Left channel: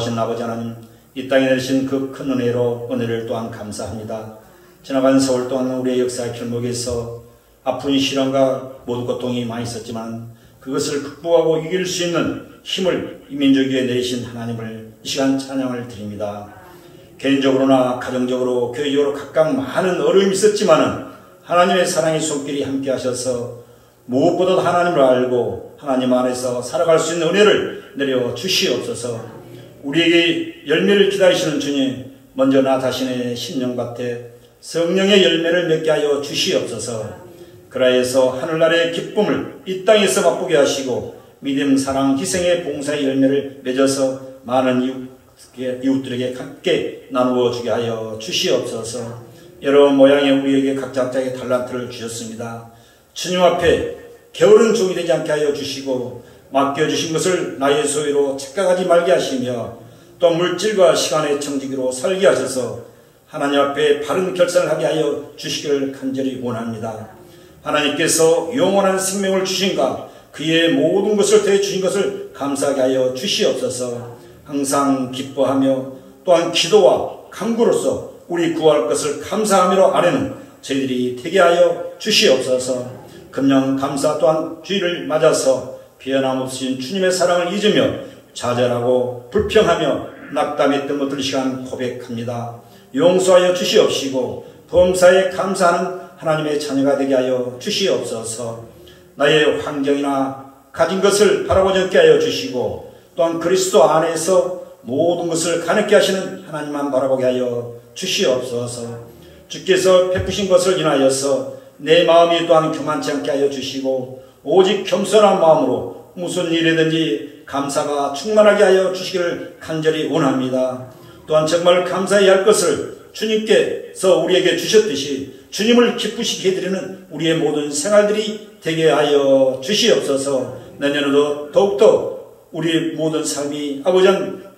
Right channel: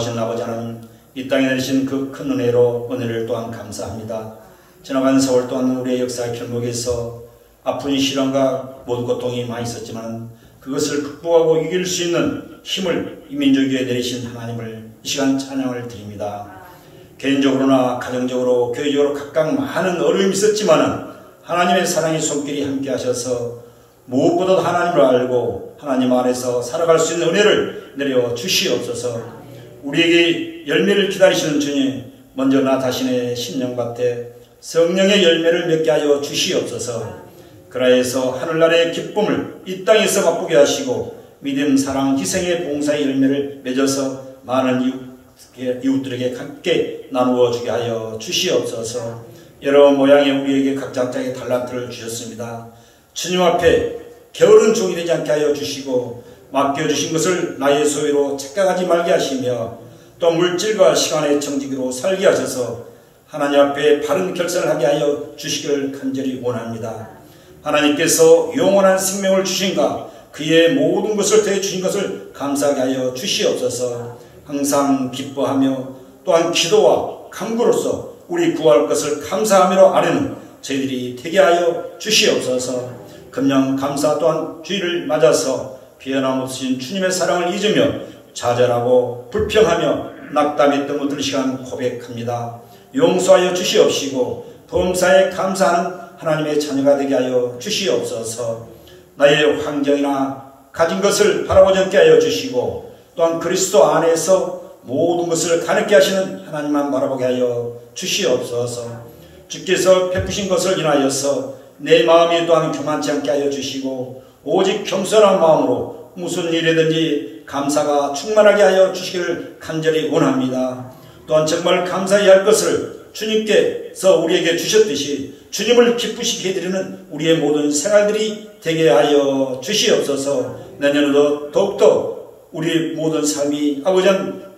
하신 아버지 하나님, 이 땅에 내리신 그 큰 은혜로 은혜를 또한 감사합니다. 지나간 세월 동안 우리의 역사 길목에서 아픈 시련과 모든 고통이 많이 있었지만 그것을 극복하고 이길 수 있는 힘을 이 민족 위에 내리신 하나님을 이 시간 찬양을 드립니다. 개인적으로나 가정적으로 교회적으로 각각 많은 어려움이 있었지만 하나님의 사랑의 손길이 함께 하셔서 무엇보다도 하나님을 알고 하나님 안에서 살아갈 수 있는 은혜를 내려 주시옵소서. 우리에게 열매를 기다리시는 주님, 먼저 나 자신의 신령밭에 성령의 열매를 맺게 하여 주시옵소서. 그라해서 하늘나라의 기쁨을 이 땅에서 맛보게 하시고 믿음, 사랑, 희생의 봉사의 열매를 맺어서 많은 이웃들에게 함께 나누어 주게 하여 주시옵소서. 여러 모양의 우리에게 각자의 달란트를 주셨습니다. 주님 앞에 게으른 종이 되지 않게 하여 주시고 맡겨주신 것을 나의 소유로 착각하지 말게 하시며 또 물질과 시간의 청지기로 살게 하셔서 하나님 앞에 바른 결단을 하게 하여 주시기를 간절히 원합니다. 하나님께서 영원한 생명을 주신가 그의 모든 것을 더해 주신 것을 감사하게 하여 주시옵소서. 항상 기뻐하며 또한 기도와 간구로서 우리 구할 것을 감사하며 아뢰는 저희들이 되게 하여 주시옵소서. 금년 감사 또한 주의를 맞아서 변함없으신 주님의 사랑을 잊으며 좌절하고 불평하며 낙담했던 것들 시간 고백합니다. 용서하여 주시옵시고 범사에 감사하는 하나님의 자녀가 되게 하여 주시옵소서. 나의 환경이나 가진 것을 바라보지 않게 하여 주시고 또한 그리스도 안에서 모든 것을 가능케 하시는 하나님만 바라보게 하여 주시옵소서. 주께서 베푸신 것을 인하여서 내 마음이 또한 교만치 않게 하여 주시고 오직 겸손한 마음으로 무슨 일이든지 감사가 충만하게 하여 주시기를 간절히 원합니다. 또한 정말 감사해야 할 것을 주님께서 우리에게 주셨듯이 주님을 기쁘시게 해드리는 우리의 모든 생활들이 되게 하여 주시옵소서. 내년에도 더욱더 우리 모든 삶이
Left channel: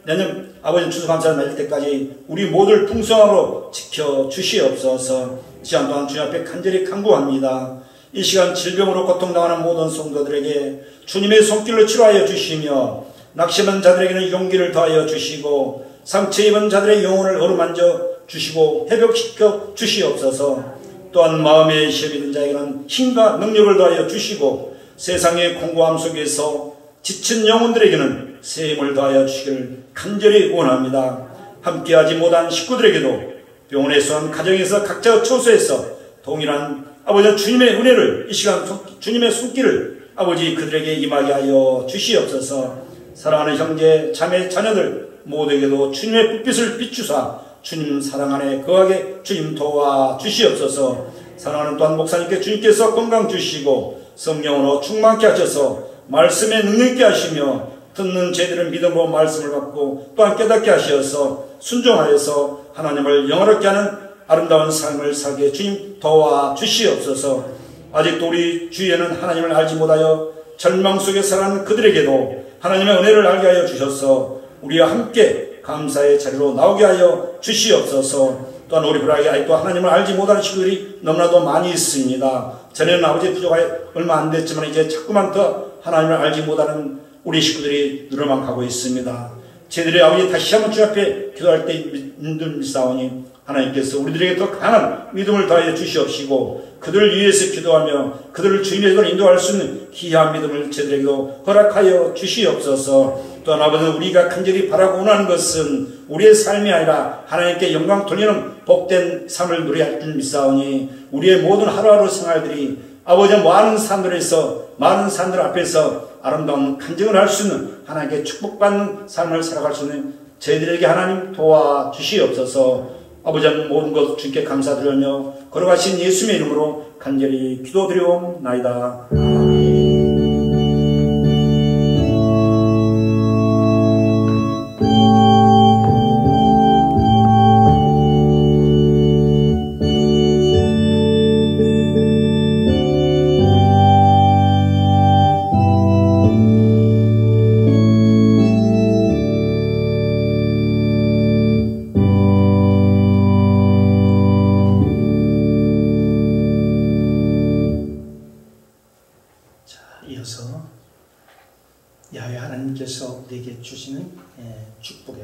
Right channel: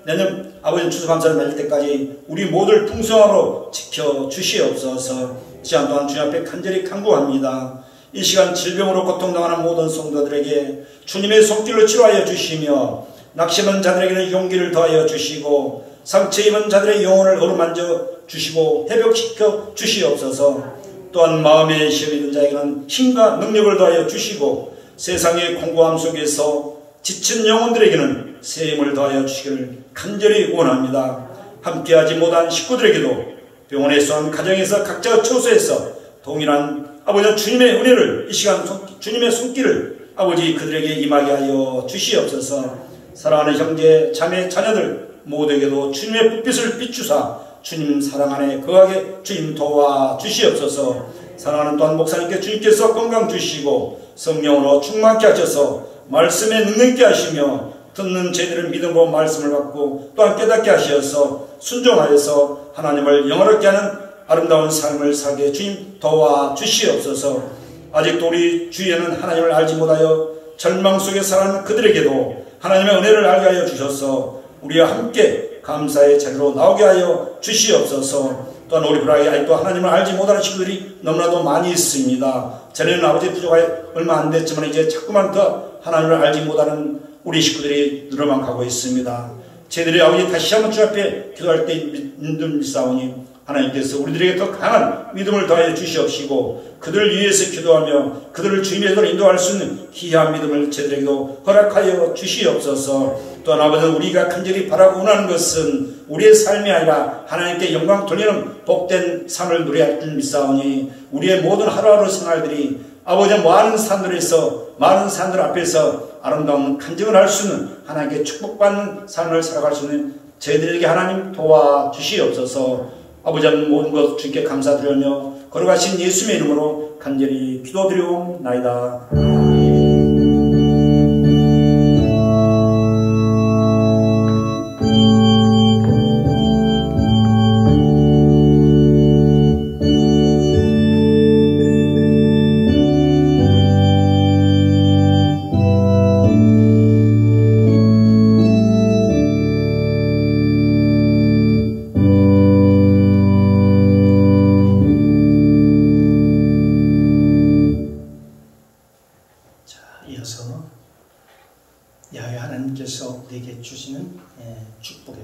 내년 아버지 추수감사를 맺을 때까지 우리 모두를 풍성하로 지켜주시옵소서. 시간 동안 주님 앞에 간절히 간구합니다. 이 시간 질병으로 고통당하는 모든 성도들에게 주님의 손길로 치료하여 주시며 낙심한 자들에게는 용기를 더하여 주시고 상처 입은 자들의 영혼을 어루만져 주시고 회복시켜 주시옵소서. 또한 마음의 시험이 든 자에게는 힘과 능력을 더하여 주시고 세상의 공고함 속에서 지친 영혼들에게는 새 힘을 더하여 주시기를 간절히 원합니다. 함께하지 못한 식구들에게도 병원에서 가정에서 각자 처소에서 동일한 아버지 주님의 은혜를 이 시간 주님의 손길을 아버지 그들에게 임하게 하여 주시옵소서. 사랑하는 형제 자매 자녀들 모두에게도 주님의 불빛을 비추사 주님 사랑 안에 거하게 주님 도와 주시옵소서. 사랑하는 또한 목사님께 주님께서 건강 주시고 성령으로 충만케 하셔서 말씀에 능력 있게 하시며 듣는 저희들은 믿음으로 말씀을 받고 또한 깨닫게 하셔서 순종하여서 하나님을 영원하게 하는 아름다운 삶을 살게 주님 도와 주시옵소서. 아직도 우리 주위에는 하나님을 알지 못하여 절망 속에 살아가는 그들에게도 하나님의 은혜를 알게 하여 주셔서 우리와 함께 감사의 자리로 나오게 하여 주시옵소서. 또한 우리 불안하게 아직도 하나님을 알지 못하는 식구들이 너무나도 많이 있습니다. 전에는 아버지 부족가 얼마 안 됐지만 이제 자꾸만 더 하나님을 알지 못하는 우리 식구들이 늘어만 가고 있습니다. 저희들이 아버지 다시 한번 주 앞에 기도할 때 믿사오니 하나님께서 우리들에게 더 강한 믿음을 더하여 주시옵시고 그들을 위해서 기도하며 그들을 주님에서 인도할 수 있는 귀한 믿음을 저희들에게도 허락하여 주시옵소서. 또한 아버지 우리가 간절히 바라고 원하는 것은 우리의 삶이 아니라 하나님께 영광 돌리는 복된 삶을 누려야 할 줄 믿사오니 우리의 모든 하루하루 생활들이 아버지 많은 사람들 앞에서 아름다운 간증을 할 수 있는 하나님께 축복받는 삶을 살아갈 수 있는 저희들에게 하나님 도와주시옵소서. 아버지 모든 것 주님께 감사드리며 걸어가신 예수님의 이름으로 간절히 기도드리옵나이다.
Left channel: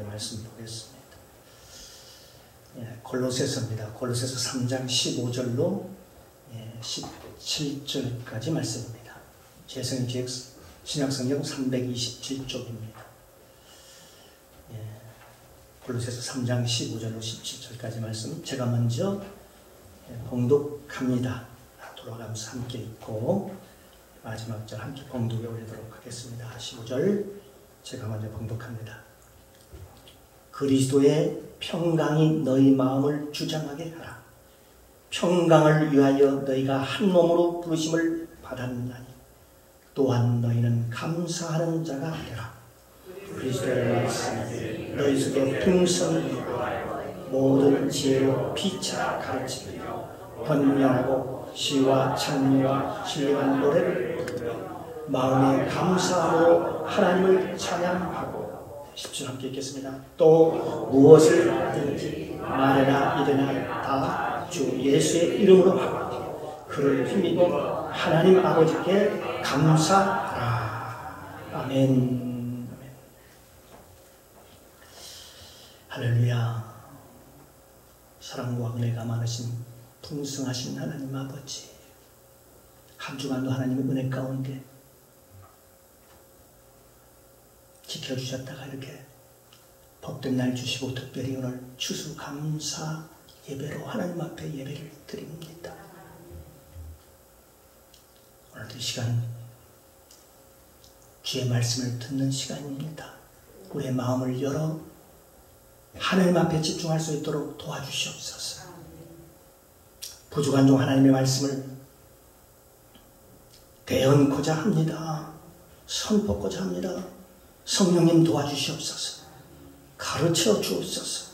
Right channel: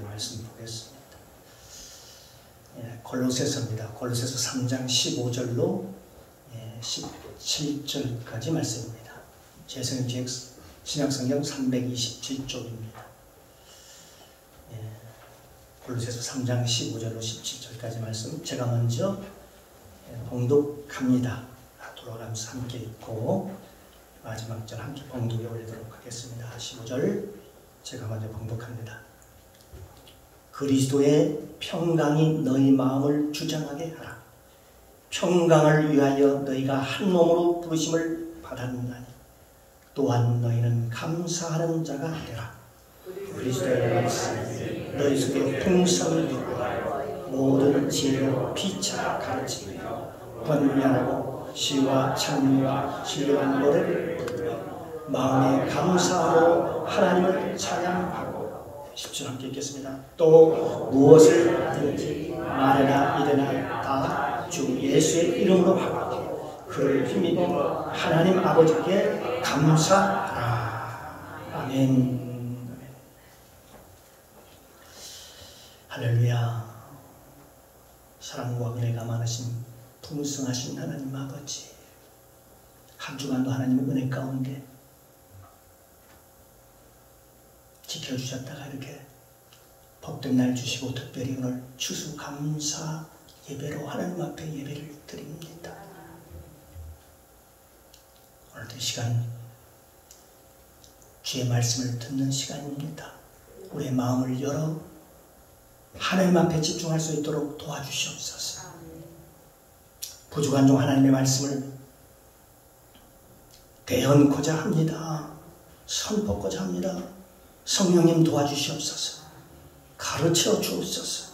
말씀 보겠습니다. 골로새서입니다. 골로새서 3장 15절로 17절까지 말씀입니다. 재성의 신약성경 327쪽입니다. 골로새서 3장 15절로 17절까지 말씀, 제가 먼저 봉독합니다. 돌아가면서 함께 읽고 마지막 절 함께 봉독에 올리도록 하겠습니다. 15절 제가 먼저 봉독합니다. 그리스도의 평강이 너희 마음을 주장하게 하라. 평강을 위하여 너희가 한 몸으로 부르심을 받았나니 또한 너희는 감사하는 자가 되라. 그리스도의 말씀이 너희 속에 풍성히 있고 모든 지혜로 피차 가르치며 권면하고 시와 찬미와 신령한 노래를 부르며 마음에 감사함으로 하나님을 찬양하고 10절 함께 읽겠습니다. 또 무엇을 하든지 말이나 이래나 다 주 예수의 이름으로 하고 그를 힘입어 하나님 아버지께 감사하라. 아멘. 할렐루야. 사랑과 은혜가 많으신 풍성하신 하나님 아버지, 한 주간도 하나님의 은혜 가운데 지켜주셨다가 이렇게 복된 날 주시고 특별히 오늘 추수감사 예배로 하나님 앞에 예배를 드립니다. 오늘도 이 시간 주의 말씀을 듣는 시간입니다. 우리의 마음을 열어 하나님 앞에 집중할 수 있도록 도와주시옵소서. 부족한 종 하나님의 말씀을 대언고자 합니다. 선포고자 합니다. 성령님 도와주시옵소서. 가르쳐 주옵소서.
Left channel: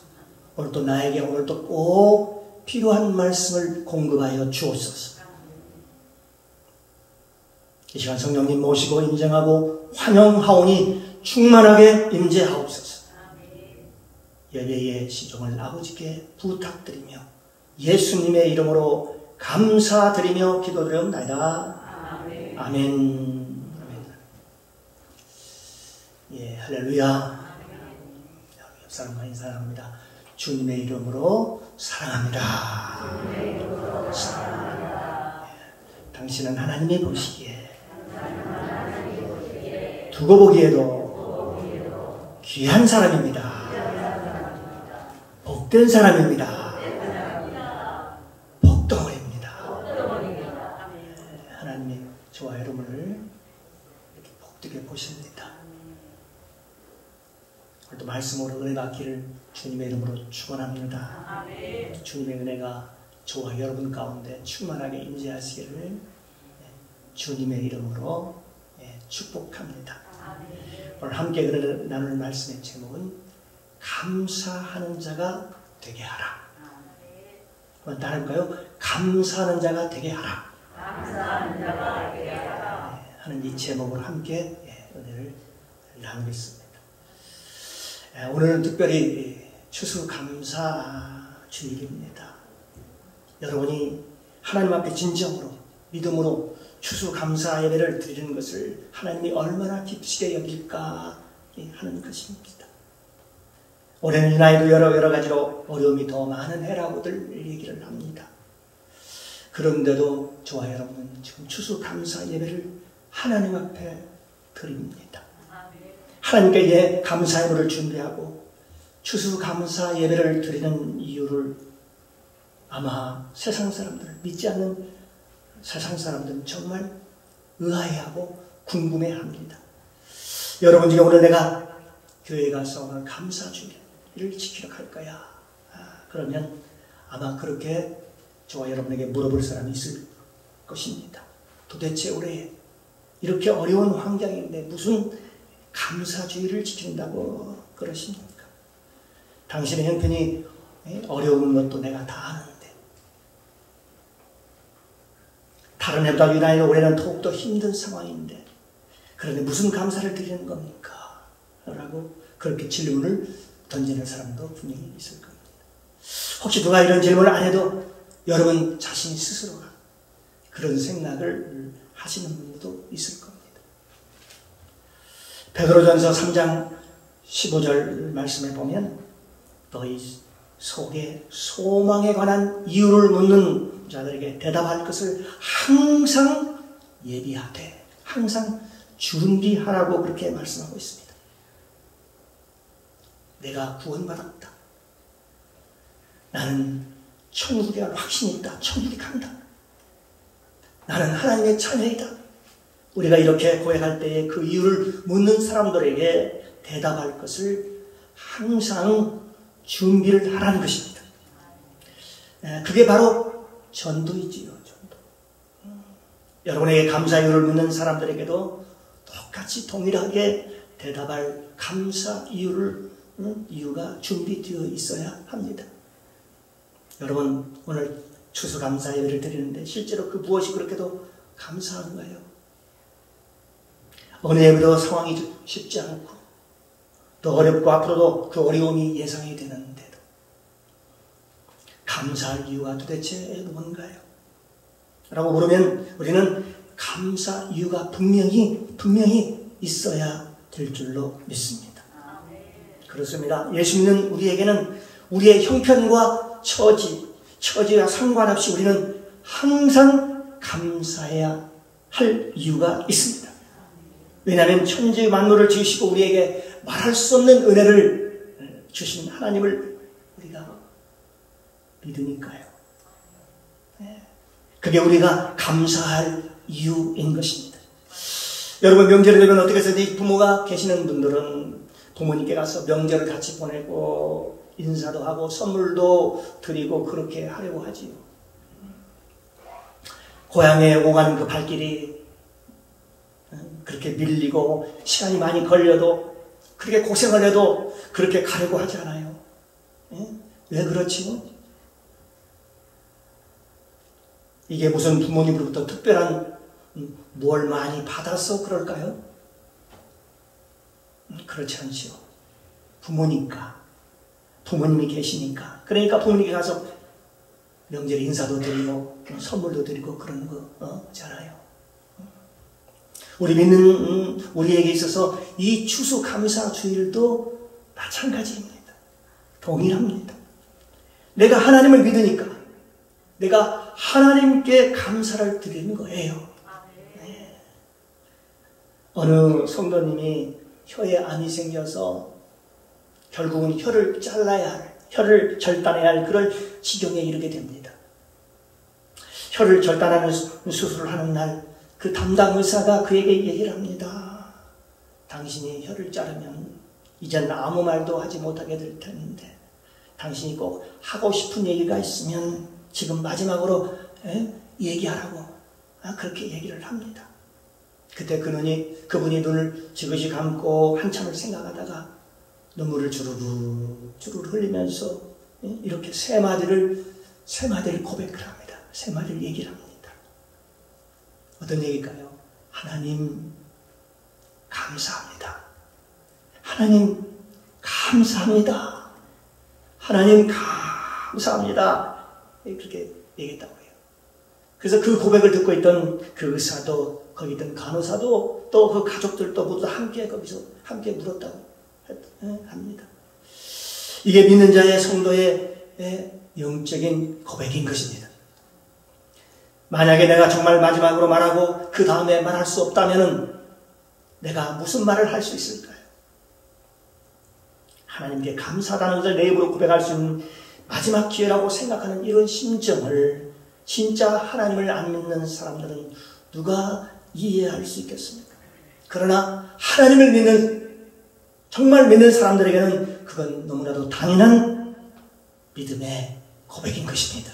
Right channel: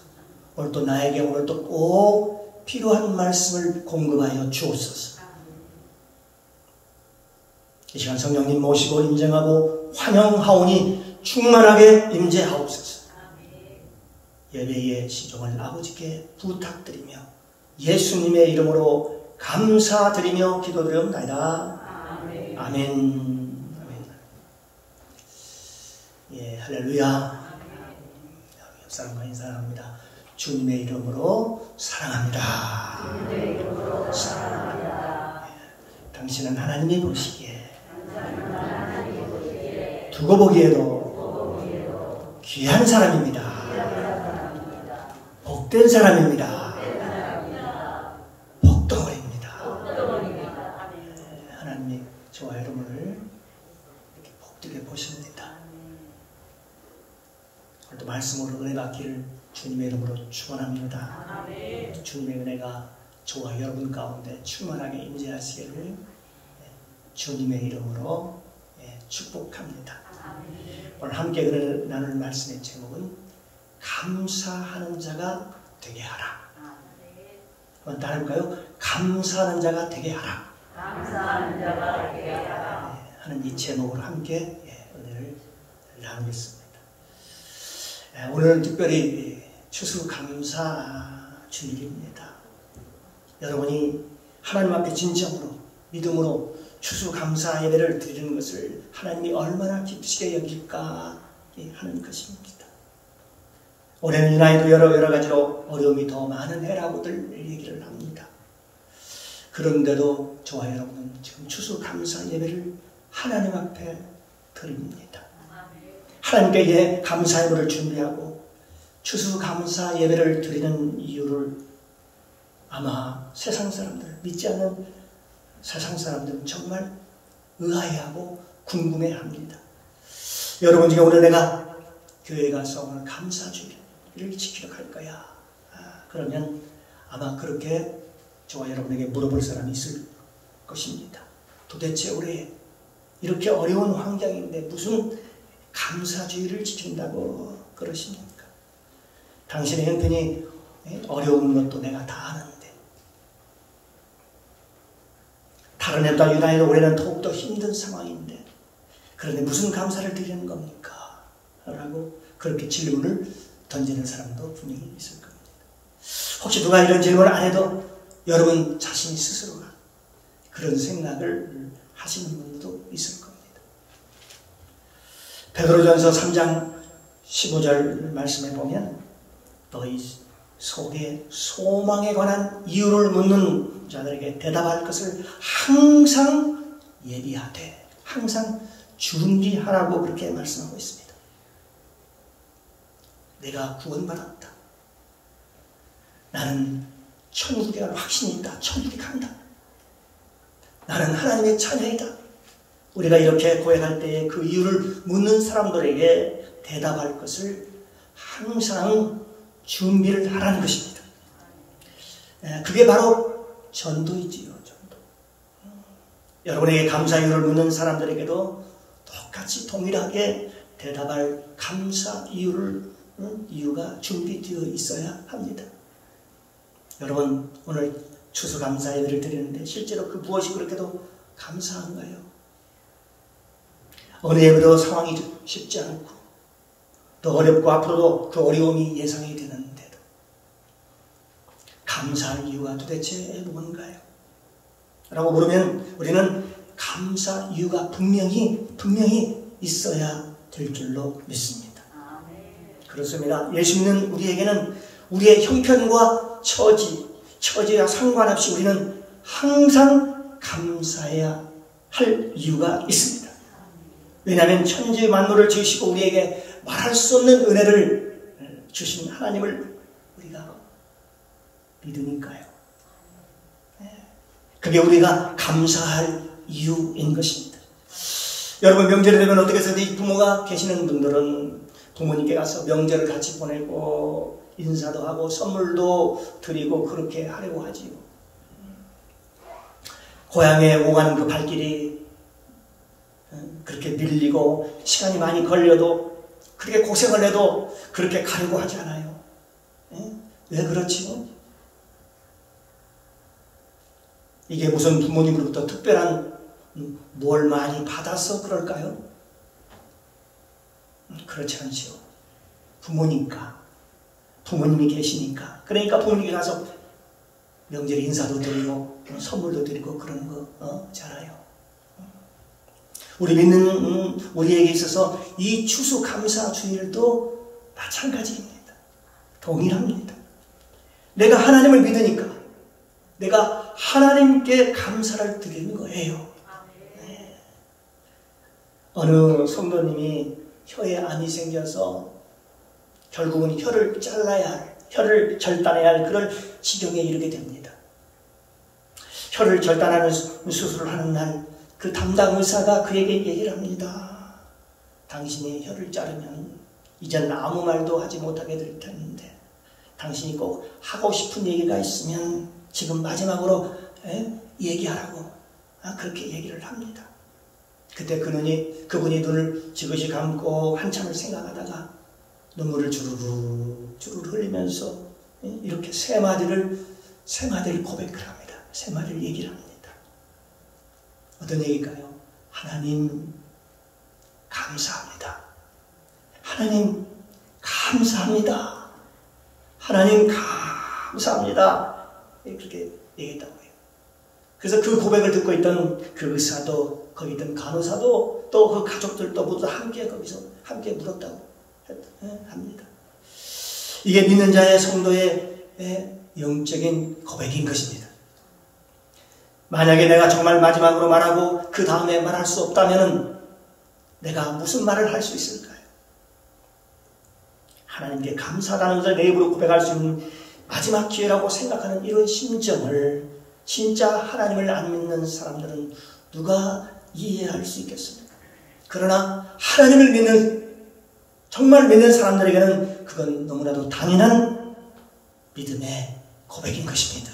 오늘도 나에게 오늘도 꼭 필요한 말씀을 공급하여 주옵소서. 이 시간 성령님 모시고 인정하고 환영하오니 충만하게 임재하옵소서. 예배의 시종을 아버지께 부탁드리며 예수님의 이름으로 감사드리며 기도드리옵나이다. 아멘. 아멘. 예, 할렐루야. 사랑과 인사합니다. 주님의 이름으로 사랑합니다. 주님의 이름으로 사랑합니다. 예, 당신은 하나님이 보시기에 두고 보기에도 귀한 사람입니다. 복된 사람입니다. 복덩어리입니다. 하나님이 저와 여러분을 복되게 보십니다. 오늘도 말씀으로 은혜 받기를 주님의 이름으로 축원합니다. 주님의 은혜가 저와 여러분 가운데 충만하게 임재하시기를 주님의 이름으로 축복합니다. 오늘 함께 은혜를 나눌 말씀의 제목은 감사하는 자가 되게 하라. 한번 따를까요? 감사하는 자가 되게 하라. 감사하는 자가 되게 하라. 하는 이 제목으로 함께 은혜를 나누겠습니다. 오늘은 특별히 추수감사 주일입니다. 여러분이 하나님 앞에 진정으로 믿음으로 추수감사 예배를 드리는 것을 하나님이 얼마나 기쁘시게 여길까 하는 것입니다. 올해는 이 나이도 여러 가지로 어려움이 더 많은 해라고들 얘기를 합니다. 그런데도 저와 여러분은 지금 추수감사 예배를 하나님 앞에 드립니다. 하나님께 감사 예배를 준비하고 추수감사 예배를 드리는 이유를 아마 세상 사람들, 믿지 않는 세상 사람들은 정말 의아해하고 궁금해합니다. 여러분 중에 오늘 내가 교회에 가서 오늘 감사 주일을 지키러 갈 거야. 그러면 아마 그렇게 저와 여러분에게 물어볼 사람이 있을 것입니다. 도대체 올해 이렇게 어려운 환경인데 무슨 감사주의를 지킨다고 그러십니까? 당신의 형편이 어려운 것도 내가 다 아는데 다른 해보다 유난히 올해는 더욱더 힘든 상황인데 그런데 무슨 감사를 드리는 겁니까? 라고 그렇게 질문을 던지는 사람도 분명히 있을 겁니다. 혹시 누가 이런 질문을 안 해도 여러분 자신이 스스로가 그런 생각을 하시는 분들도 있을 겁니다. 베드로전서 3장 15절 말씀에 보면 너희 속에 소망에 관한 이유를 묻는 자들에게 대답할 것을 항상 예비하되 항상 준비하라고 그렇게 말씀하고 있습니다. 내가 구원받았다. 나는 천국에 갈 확신이 있다. 천국에 간다. 나는 하나님의 자녀이다. 우리가 이렇게 고백할 때에 그 이유를 묻는 사람들에게 대답할 것을 항상 준비를 하라는 것입니다. 그게 바로 전도이지요. 전도. 여러분에게 감사 이유를 묻는 사람들에게도 똑같이 동일하게 대답할 감사 이유가 준비되어 있어야 합니다. 여러분 오늘 추수감사 예배를 드리는데 실제로 그 무엇이 그렇게도 감사한가요? 어느 예배로 상황이 쉽지 않고 또 어렵고 앞으로도 그 어려움이 예상이 되는데도 감사할 이유가 도대체 뭔가요? 라고 물으면 우리는 감사 이유가 분명히 있어야 될 줄로 믿습니다. 그렇습니다. 예수 믿는 우리에게는 우리의 형편과 처지와 상관없이 우리는 항상 감사해야 할 이유가 있습니다. 왜냐하면 천지 만물을 지으시고 우리에게 말할 수 없는 은혜를 주신 하나님을 우리가 믿으니까요. 그게 우리가 감사할 이유인 것입니다. 여러분 명절이 되면 어떻게 해서 부모가 계시는 분들은 부모님께 가서 명절을 같이 보내고 인사도 하고 선물도 드리고 그렇게 하려고 하지요. 고향에 오가는 그 발길이 그렇게 밀리고 시간이 많이 걸려도 그렇게 고생을 해도 그렇게 가려고 하지 않아요. 왜 그렇지요? 이게 무슨 부모님으로부터 특별한 뭘 많이 받아서 그럴까요? 그렇지 않죠. 부모님이 계시니까. 그러니까 부모님께 가서 명절에 인사도 드리고 선물도 드리고 그런 거잖아요. 우리 믿는 우리에게 있어서 이 추수감사 주일도 마찬가지입니다. 동일합니다. 내가 하나님을 믿으니까 내가 하나님께 감사를 드리는 거예요. 네. 어느 성도님이 혀에 암이 생겨서 결국은 혀를 절단해야 할 그런 지경에 이르게 됩니다. 혀를 절단하는 수술을 하는 날 그 담당 의사가 그에게 얘기를 합니다. 당신이 혀를 자르면 이젠 아무 말도 하지 못하게 될 텐데 당신이 꼭 하고 싶은 얘기가 있으면 지금 마지막으로 얘기하라고 그렇게 얘기를 합니다. 그때 그분이 눈을 지그시 감고 한참을 생각하다가 눈물을 주르르 흘리면서 이렇게 세 마디를 고백을 합니다. 세 마디를 얘기를 합니다. 어떤 얘기일까요? 하나님 감사합니다. 하나님 감사합니다. 하나님 감사합니다. 그렇게 얘기했다고 해요. 그래서 그 고백을 듣고 있던 그 의사도 거기 있던 간호사도 또 그 가족들도 모두 함께 거기서 함께 물었다고 합니다. 이게 믿는 자의 성도의 영적인 고백인 것입니다. 만약에 내가 정말 마지막으로 말하고 그 다음에 말할 수 없다면 내가 무슨 말을 할 수 있을까요? 하나님께 감사하다는 것을 내 입으로 고백할 수 있는 마지막 기회라고 생각하는 이런 심정을 진짜 하나님을 안 믿는 사람들은 누가 이해할 수 있겠습니까? 그러나 하나님을 정말 믿는 사람들에게는 그건 너무나도 당연한 믿음의 고백인 것입니다.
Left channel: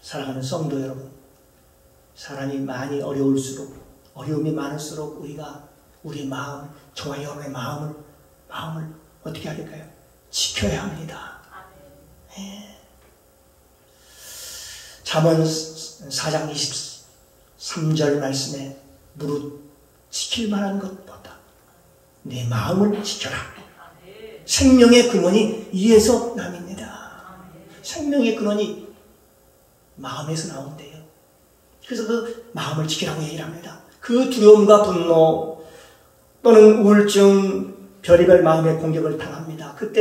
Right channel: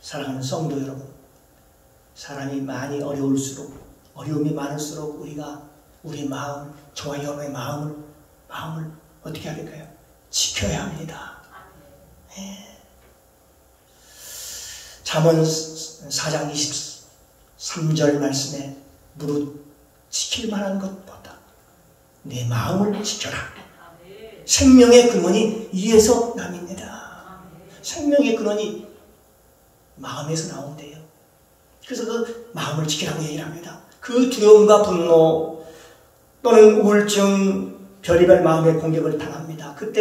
사랑하는 성도 여러분, 사람이 많이 어려움이 많을수록 우리 마음을, 저와 여러분의 마음을 어떻게 해야 될까요? 지켜야 합니다. 잠언 4장 23절 말씀에 무릇 지킬 만한 것보다 내 마음을 지켜라. 생명의 근원이 이에서 남입니다. 생명의 근원이 마음에서 나온대요. 그래서 그 마음을 지키라고 얘기를 합니다. 그 두려움과 분노 또는 우울증 별의별 마음의 공격을 당합니다. 그때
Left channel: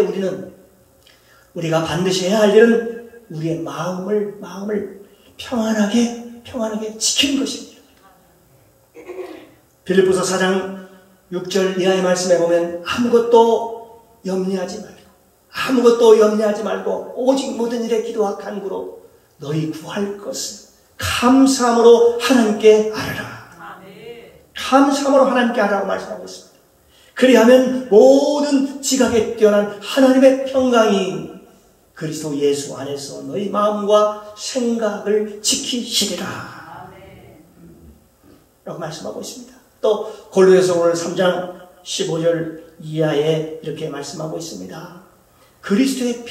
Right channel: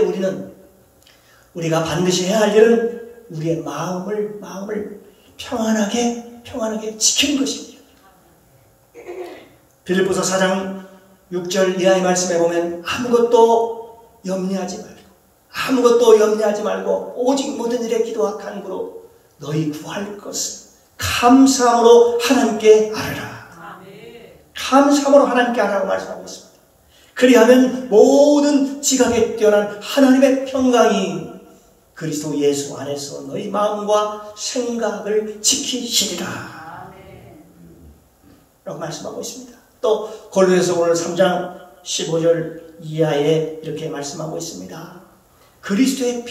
우리가 반드시 해야 할 일은 우리의 마음을 평안하게 지키는 것입니다. 빌립보서 4장 6절 이하의 말씀에 보면 아무것도 염려하지 말고 오직 모든 일에 기도와 간구로 너희 구할 것을 감사함으로 하나님께 아뢰라. 감사함으로 하나님께 아뢰라고 말씀하고 있습니다. 그리하면 모든 지각에 뛰어난 하나님의 평강이 그리스도 예수 안에서 너희 마음과 생각을 지키시리라 라고 말씀하고 있습니다. 또 골로새서 오늘 3장 15절 이하에 이렇게 말씀하고 있습니다. 그리스도의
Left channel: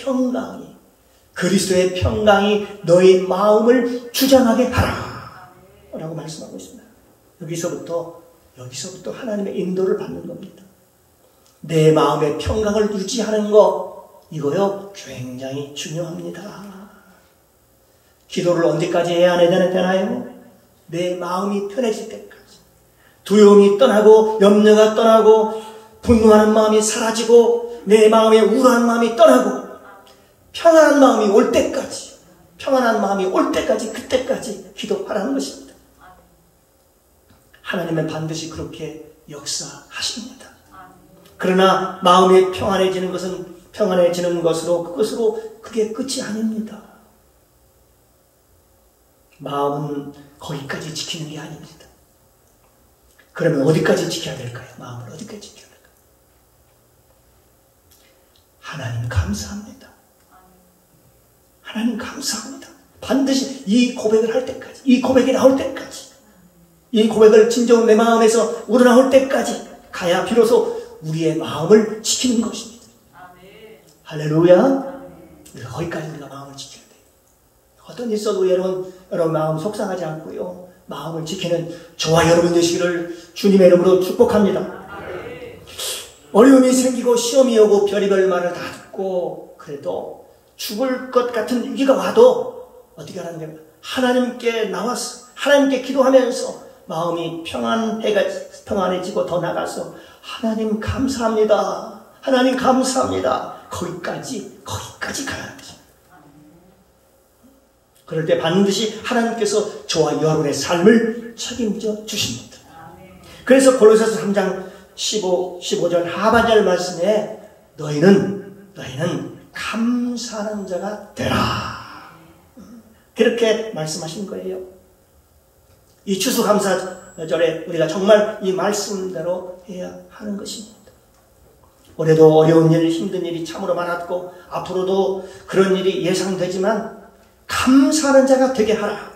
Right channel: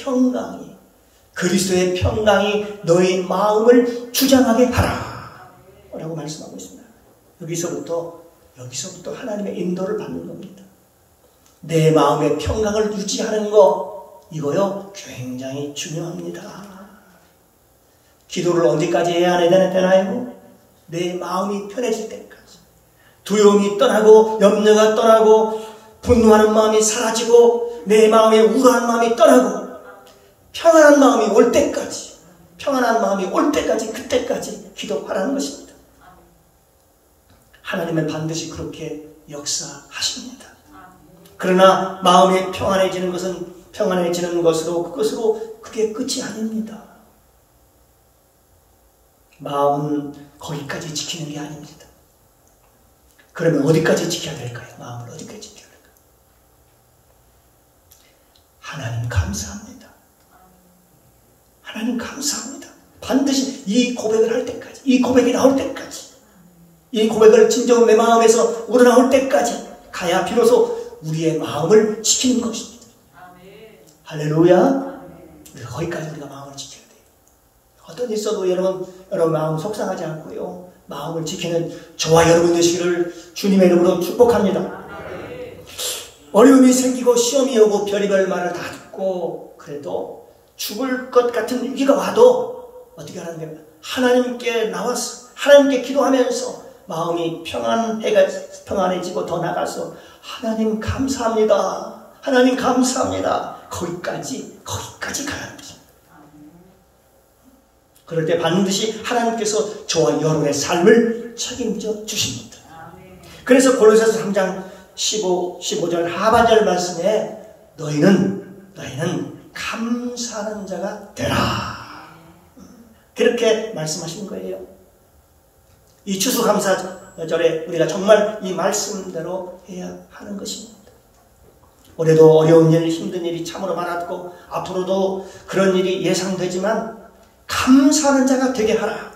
평강이 너희 마음을 주장하게 하라 라고 말씀하고 있습니다. 여기서부터 하나님의 인도를 받는 겁니다. 내 마음의 평강을 유지하는 거 이거요 굉장히 중요합니다. 기도를 언제까지 해야 되나요? 내 마음이 편해질 때까지, 두려움이 떠나고 염려가 떠나고 분노하는 마음이 사라지고 내 마음의 우울한 마음이 떠나고 평안한 마음이 올 때까지 그때까지 기도하라는 것입니다. 하나님은 반드시 그렇게 역사하십니다. 그러나 마음이 평안해지는 것으로 그게 끝이 아닙니다. 마음은 거기까지 지키는 게 아닙니다. 그러면 어디까지 지켜야 될까요? 마음을 어디까지 지켜야 될까요? 하나님 감사합니다. 반드시 이 고백을 할 때까지, 이 고백이 나올 때까지, 이 고백을 진정으로 내 마음에서 우러나올 때까지 가야 비로소 우리의 마음을 지키는 것입니다. 할렐루야. 거기까지 우리가 마음을 지켜야 돼요. 어떤 일 있어도 여러분 마음 속상하지 않고요. 마음을 지키는 저와 여러분 되시기를 주님의 이름으로 축복합니다. 어려움이 생기고 시험이 오고 별의별 말을 다 듣고 그래도 죽을 것 같은 위기가 와도 어떻게 하는 겁니까? 하나님께 나와서 하나님께 기도하면서 마음이 평안해지고 더 나가서 하나님 감사합니다. 거기까지 가야 합니다. 그럴 때 반드시 하나님께서 저와 여러분의 삶을 책임져 주십니다. 그래서 골로새서 3장 15절 하반절 말씀에 너희는 감사하는 자가 되라. 그렇게 말씀하신 거예요. 이 추수감사절에 우리가 정말 이 말씀대로 해야 하는 것입니다. 올해도 어려운 일, 힘든 일이 참으로 많았고 앞으로도 그런 일이 예상되지만 감사하는 자가 되게 하라.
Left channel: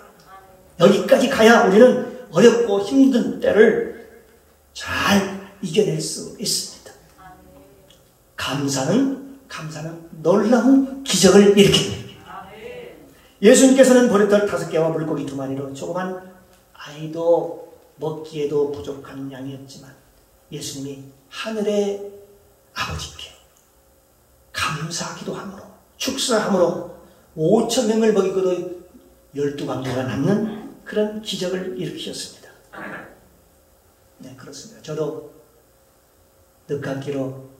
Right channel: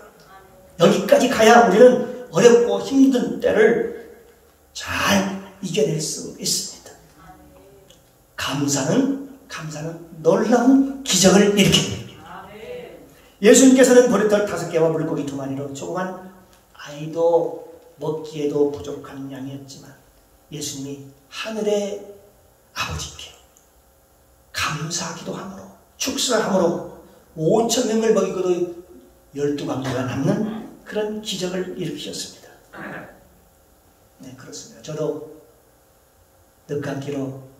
여기까지 가야 우리는 어렵고 힘든 때를 잘 이겨낼 수 있습니다. 감사는 놀라운 기적을 일으킵니다. 예수님께서는 보리떡 5개와 물고기 2마리로 조그만 아이도 먹기에도 부족한 양이었지만 예수님이 하늘의 아버지께 감사하기도 함으로 축사함으로 5,000명을 먹이고도 12광대가 남는 그런 기적을 일으키셨습니다. 네, 그렇습니다. 저도 늦감기로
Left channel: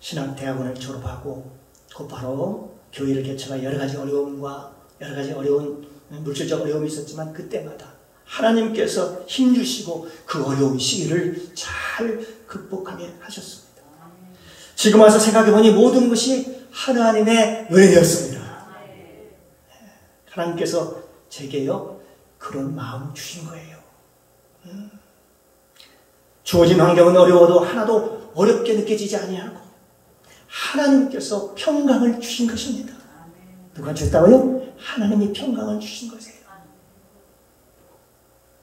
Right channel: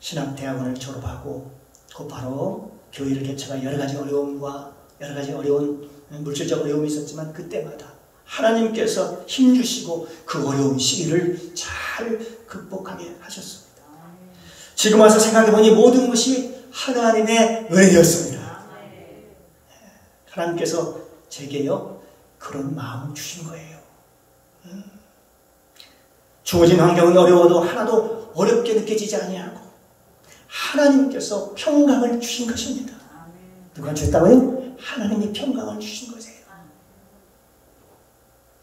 신학대학원을 졸업하고 곧바로 교회를 개척한 여러 가지 어려운 물질적 어려움이 있었지만 그때마다 하나님께서 힘주시고 그 어려운 시기를 잘 극복하게 하셨습니다. 지금 와서 생각해보니 모든 것이 하나님의 은혜였습니다. 하나님께서 제게요 그런 마음 주신 거예요. 주어진 환경은 어려워도 하나도 어렵게 느껴지지 아니하고 하나님께서 평강을 주신 것입니다. 누가 주셨다고요? 하나님이 평강을 주신 거세요.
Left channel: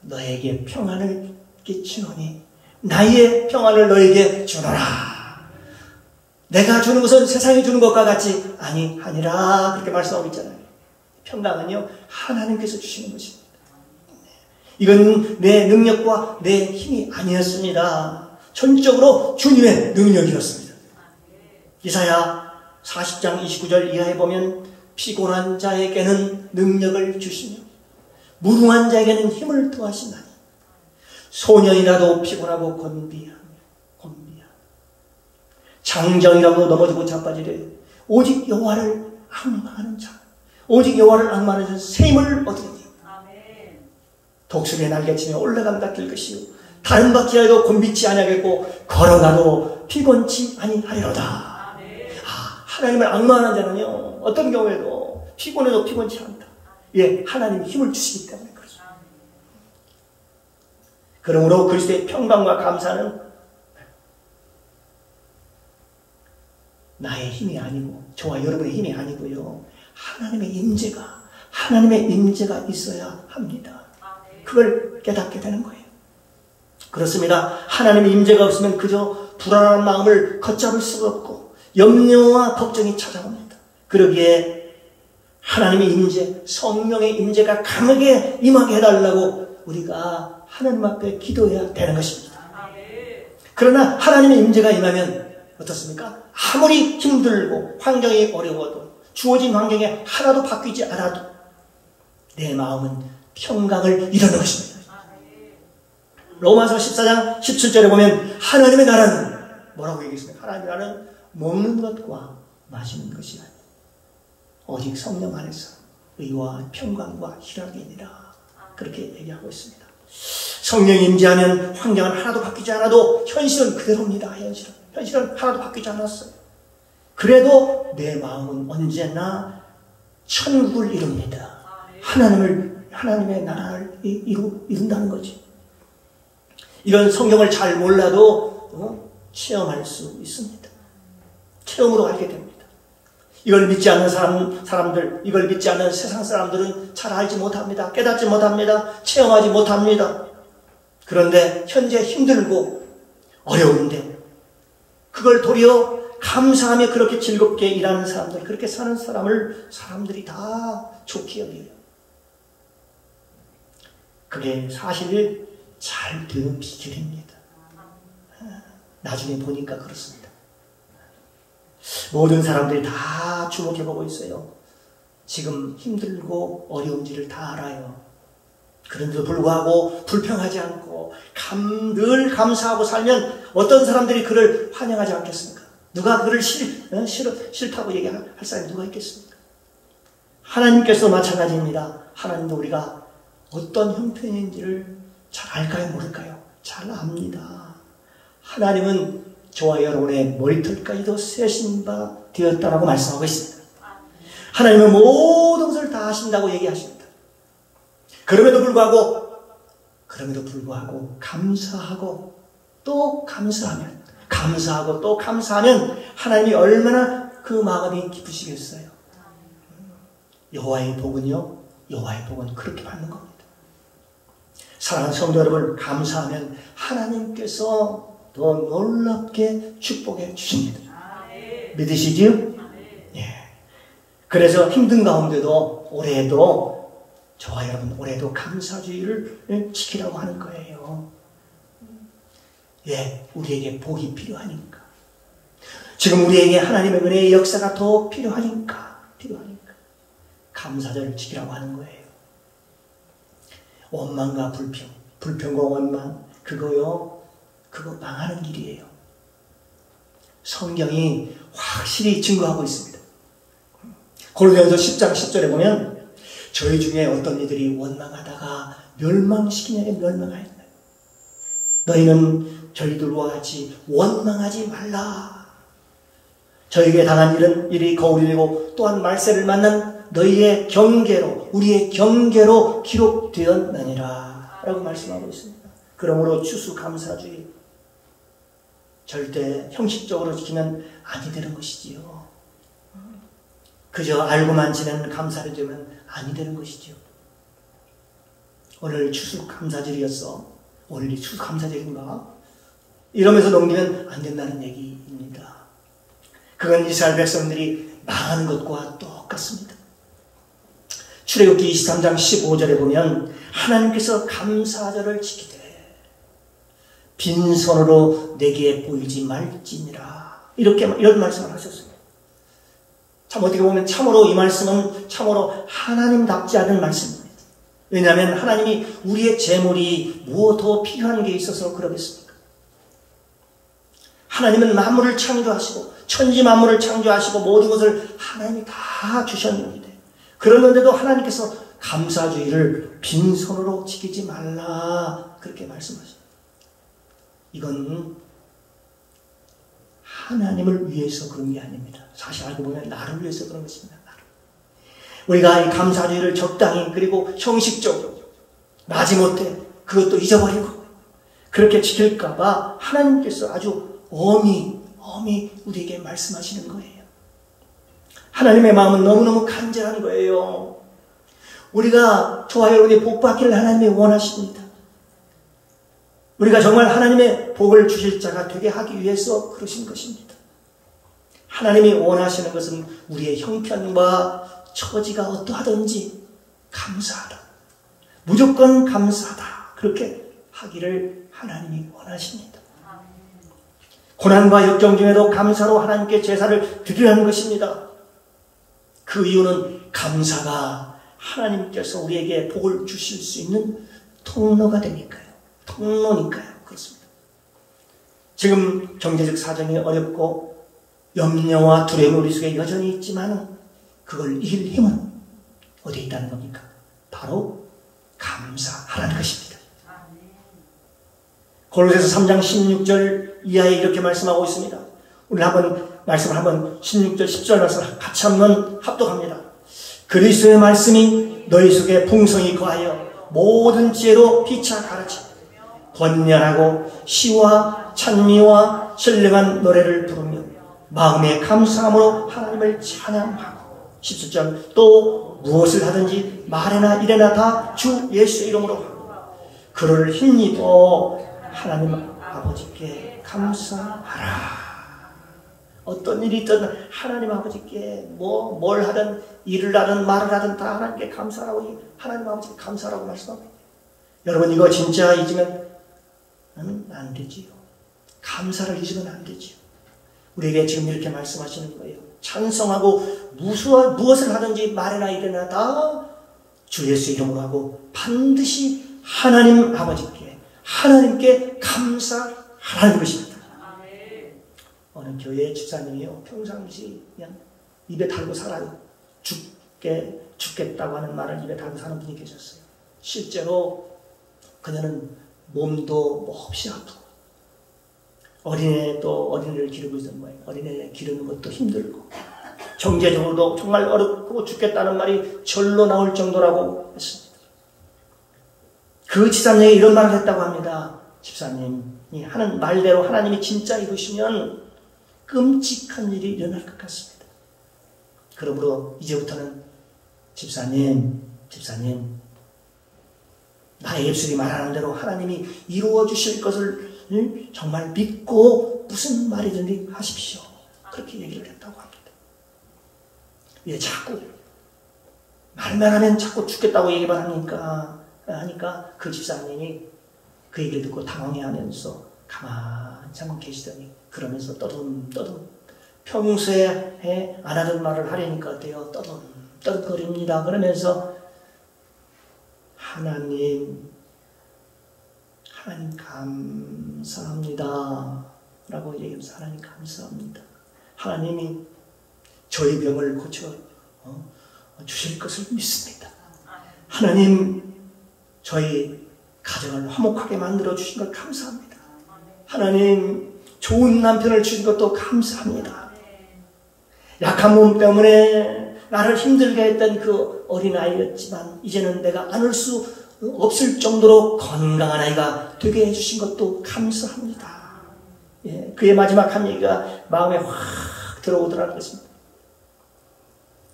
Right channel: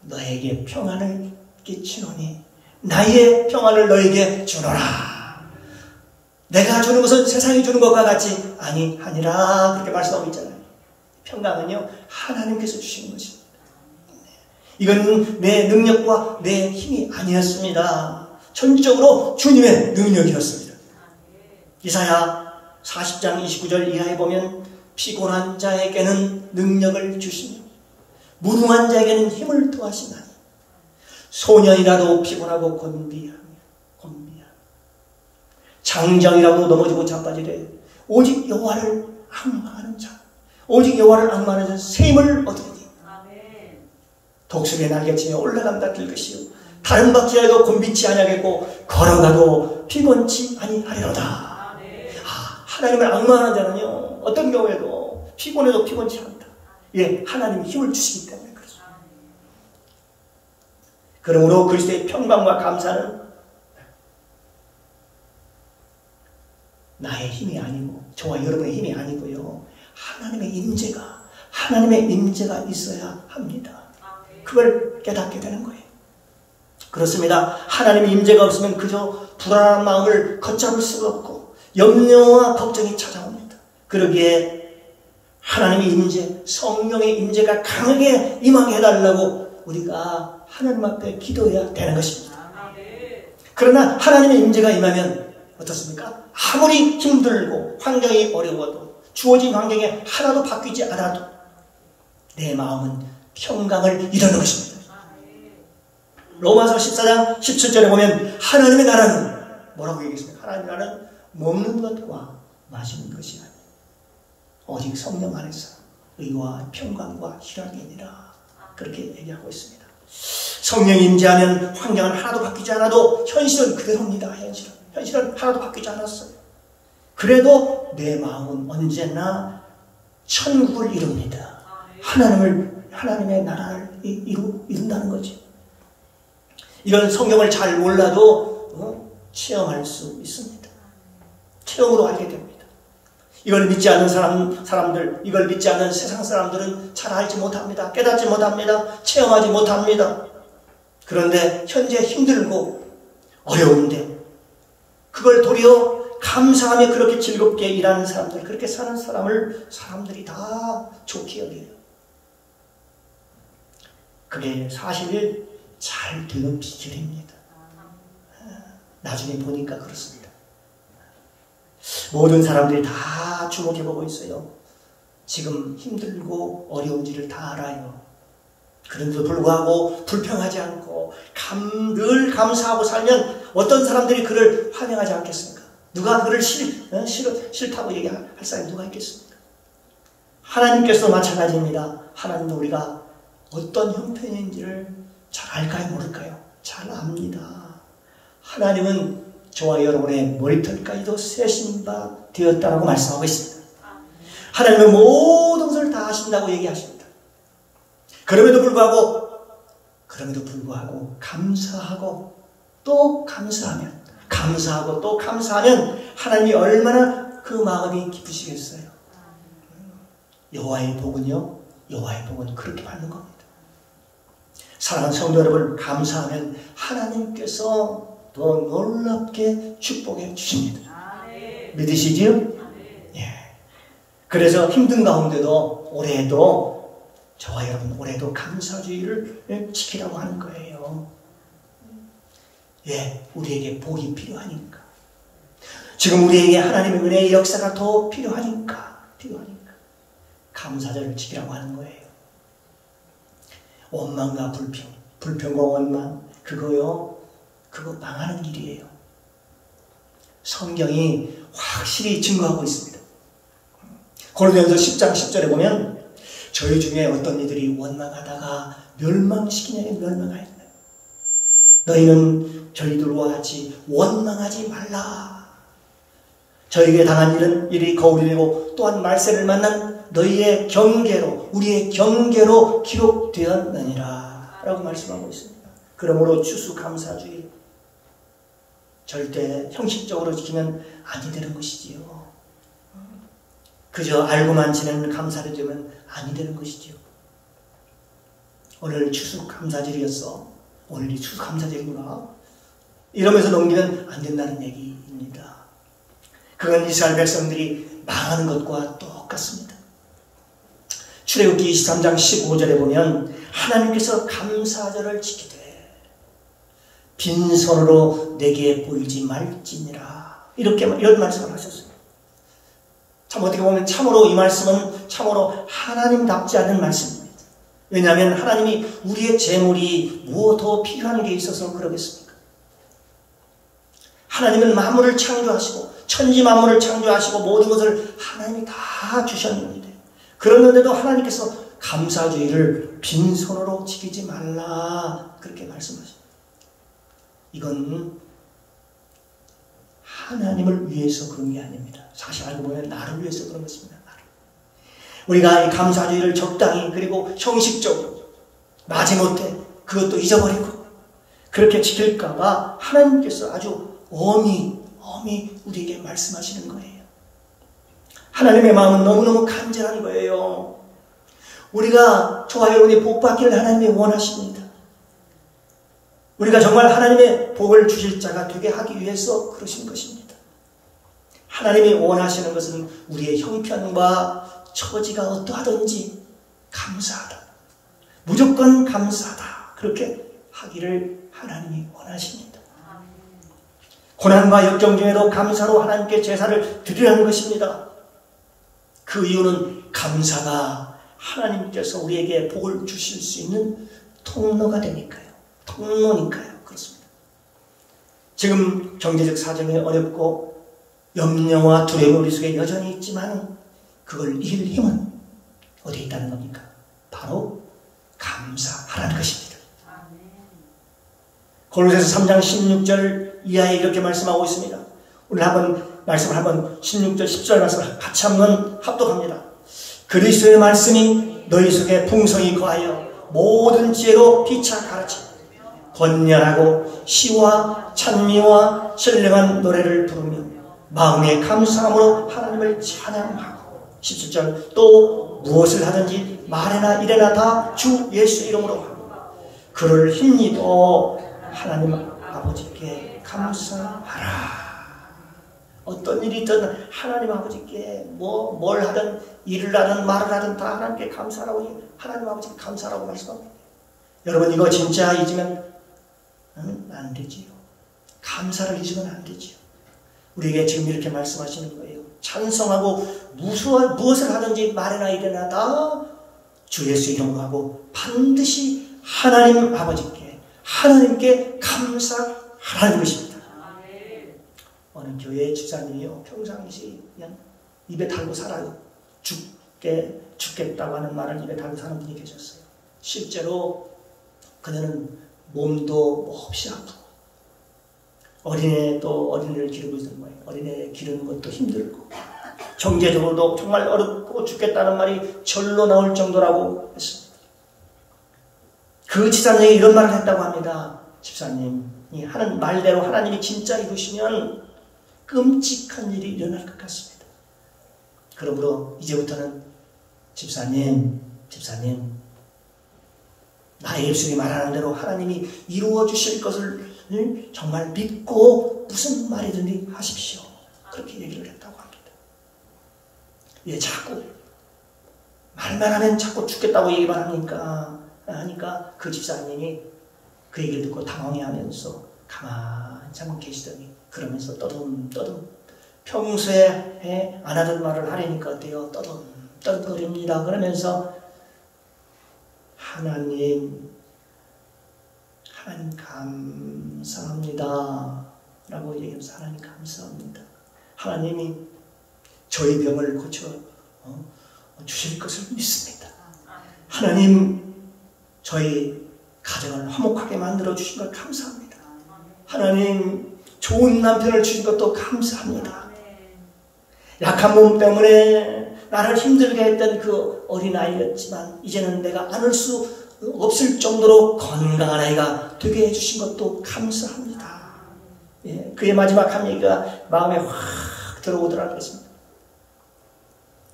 너에게 평안을 끼치노니 나의 평안을 너에게 주노라. 내가 주는 것은 세상이 주는 것과 같이 아니하니라. 그렇게 말씀하고 있잖아요. 평강은요 하나님께서 주시는 것입니다. 이건 내 능력과 내 힘이 아니었습니다. 전적으로 주님의 능력이었습니다. 이사야 40장 29절 이하에 보면 피곤한 자에게는 능력을 주시며 무능한 자에게는 힘을 더하시나니 소년이라도 피곤하고 곤비하면 장정이라도 넘어지고 자빠지래. 오직 여호와를 앙망하는 자, 오직 여호와를 앙망하는 자 셈을 얻으리니 독수리의 날개치며 올라감과 들 것이요 다른 바퀴에도 곤비치 아니하겠고 걸어가도 피곤치 아니하리로다. 하나님을 앙망하는 자는요 어떤 경우에도 피곤해도 피곤치 않다. 예, 하나님이 힘을 주시기 때문에 그렇습니다. 그러므로 그리스도의 평강과 감사는 나의 힘이 아니고 저와 여러분의 힘이 아니고요, 하나님의 임재가 있어야 합니다. 그걸 깨닫게 되는 거예요. 그렇습니다. 하나님의 임재가 없으면 그저 불안한 마음을 걷잡을 수가 없고 염려와 걱정이 찾아옵니다. 그러기에 하나님의 임재, 성령의 임재가 강하게 임하게 해달라고 우리가 하나님 앞에 기도해야 되는 것입니다. 그러나 하나님의 임재가 임하면 어떻습니까? 아무리 힘들고 환경이 어려워도 주어진 환경에 하나도 바뀌지 않아도 내 마음은 평강을 이루는 것입니다. 로마서 14장 17절에 보면 하나님의 나라는 뭐라고 얘기했습니까? 하나님의 나라는 먹는 것과 마시는 것이 아니라 오직 성령 안에서 의와 평강과 희락이니라. 그렇게 얘기하고 있습니다. 성령이 임재하면 환경은 하나도 바뀌지 않아도 현실은 그대로입니다. 현실은 하나도 바뀌지 않았어요. 그래도 내 마음은 언제나 천국을 이룹니다. 하나님의 나라를 이룬다는 거지. 이런 성경을 잘 몰라도 체험할 수 있습니다. 체험으로 알게 됩니다. 이걸 믿지 않는 사람들, 이걸 믿지 않는 세상 사람들은 잘 알지 못합니다. 깨닫지 못합니다. 체험하지 못합니다. 그런데 현재 힘들고 어려운데 그걸 도리어 감사하며 그렇게 즐겁게 일하는 사람들, 그렇게 사는 사람들이 다 좋게 여겨요. 그게 사실 잘 되는 비결입니다. 나중에 보니까 그렇습니다. 모든 사람들이 다 주목해보고 있어요. 지금 힘들고 어려운지를 다 알아요. 그런데도 불구하고 불평하지 않고 늘 감사하고 살면 어떤 사람들이 그를 환영하지 않겠습니까? 누가 그를 싫다고 얘기할 사람이 누가 있겠습니까? 하나님께서도 마찬가지입니다. 하나님도 우리가 어떤 형편인지를 잘 알까요? 모를까요? 잘 압니다. 하나님은 저와 여러분의 머리털까지도 세신 바 되었다고 말씀하고 있습니다. 하나님은 모든 것을 다 하신다고 얘기하십니다. 그럼에도 불구하고 감사하고 또 감사하면 하나님이 얼마나 그 마음이 기쁘시겠어요. 여호와의 복은 그렇게 받는 겁니다. 사랑하는 성도 여러분, 감사하면 하나님께서 더 놀랍게 축복해 주십니다. 믿으시지요? 예. 그래서 힘든 가운데도 저와 여러분 올해도 감사주의를 지키라고 하는 거예요. 예, 우리에게 복이 필요하니까. 지금 우리에게 하나님의 은혜의 역사가 더 필요하니까 감사절을 지키라고 하는 거예요. 원망과 불평과 원망, 그거 망하는 길이에요. 성경이 확실히 증거하고 있습니다. 고린도전서 10장 10절에 보면 저희 중에 어떤 이들이 원망하다가 멸망하였다. 너희는 저희들과 같이 원망하지 말라. 저에게 당한 일이 거울이 되고 또한 말세를 만난 너희의 경계로, 우리의 경계로 기록되었느니라 라고 말씀하고 있습니다. 그러므로 추수감사주의 절대 형식적으로 지키면 아니 되는 것이지요. 그저 알고만 지내는 감사를 주면 아니 되는 것이지요. 오늘 추수감사절이었어. 오늘이 추수감사절인가? 이러면서 넘기면 안 된다는 얘기입니다. 그건 이스라엘 백성들이 망하는 것과 똑같습니다. 출애굽기 23장 15절에 보면 하나님께서 감사절을 지키되 빈손으로 내게 보이지 말지니라 이런 말씀을 하셨어요. 참 어떻게 보면 참으로 이 말씀은 참으로 하나님답지 않은 말씀입니다. 왜냐하면 하나님이 우리의 재물이 무엇 더 필요한 게 있어서 그러겠습니까? 하나님은 만물을 창조하시고 천지 만물을 창조하시고 모든 것을 하나님이 다 주셨는데, 그랬는데도 하나님께서 감사주의를 빈손으로 지키지 말라 그렇게 말씀하십니다. 이건 하나님을 위해서 그런 게 아닙니다. 사실 알고 보면 나를 위해서 그런 것입니다. 우리가 이 감사주의를 적당히 그리고 형식적으로 마지못해 그것도 잊어버리고 그렇게 지킬까봐 하나님께서 아주 엄히 우리에게 말씀하시는 거예요. 하나님의 마음은 너무너무 간절한 거예요. 우리가 저와 여러분이 복받기를 하나님이 원하십니다. 우리가 정말 하나님의 복을 주실 자가 되게 하기 위해서 그러신 것입니다. 하나님이 원하시는 것은 우리의 형편과 처지가 어떠하든지 감사하다, 무조건 감사하다, 그렇게 하기를 하나님이 원하십니다. 고난과 역경 중에도 감사로 하나님께 제사를 드리라는 것입니다. 그 이유는 감사가 하나님께서 우리에게 복을 주실 수 있는 통로가 되니까요. 통로니까요. 그렇습니다. 지금 경제적 사정이 어렵고 염려와 두려움 우리 속에 여전히 있지만 그걸 이길 힘은 어디에 있다는 겁니까? 바로 감사하라는 것입니다. 골로새서 3장 16절 이하에 이렇게 말씀하고 있습니다. 우리 말씀을 한번 16절 10절 말씀을 같이 한번 합독합니다. 그리스도의 말씀이 너희 속에 풍성히 거하여 모든 지혜로 피차 가르치고 권면하고 시와 찬미와 신령한 노래를 부르며 마음의 감사함으로 하나님을 찬양하고 17절 또 무엇을 하든지 말이나 이래나 다 주 예수 이름으로 하고 그를 힘입어 하나님 아버지께 감사하라. 어떤 일이 있든 하나님 아버지께 뭘 하든 일을 하든 말을 하든 다 하나님께 감사하라고, 하나님 아버지께 감사하라고 말씀합니다. 여러분 이거 진짜 잊으면 안 되지요. 감사를 잊으면 안 되지요. 우리에게 지금 이렇게 말씀하시는 거예요. 찬송하고 무엇을 하든지 말이나 이래나 다 주 예수 이름으로 하고 반드시 하나님 아버지께 하나님께 감사하라는 것입니다. 어느 교회 집사님이요, 평상시 그냥 입에 달고 살아요. 죽겠다고 하는 말을 입에 달고 사는 분이 계셨어요. 실제로 그녀는 몸도 몹시 아프고 어린애를 기르고 있었던 거예요. 어린애 기르는 것도 힘들고 경제적으로도 정말 어렵고 죽겠다는 말이 절로 나올 정도라고 했습니다. 그 집사님에게 이런 말을 했다고 합니다. 집사님이 하는 말대로 하나님이 진짜 이루시면 끔찍한 일이 일어날 것 같습니다. 그러므로 이제부터는 집사님 나의 입술이 말하는 대로 하나님이 이루어 주실 것을 정말 믿고 무슨 말이든지 하십시오. 그렇게 얘기를 했다고 합니다. 예, 자꾸 말만 하면 자꾸 죽겠다고 얘기만 하니까 그 집사님이 그 얘기를 듣고 당황해하면서 가만히 계시더니 그러면서 떠듬 평소에 안 하던 말을 하려니까 어때요? 떠듬거립니다. 그러면서 하나님 감사합니다 라고 얘기하면서 하나님 감사합니다. 하나님이 저희 병을 고쳐 주실 것을 믿습니다. 하나님 저희 가정을 화목하게 만들어 주신 것 감사합니다. 하나님 좋은 남편을 주신 것도 감사합니다. 약한 몸 때문에 나를 힘들게 했던 그 어린아이였지만 이제는 내가 안을 수 없을 정도로 건강한 아이가 되게 해주신 것도 감사합니다. 예, 그의 마지막 한 얘기가 마음에 확 들어오더라고요.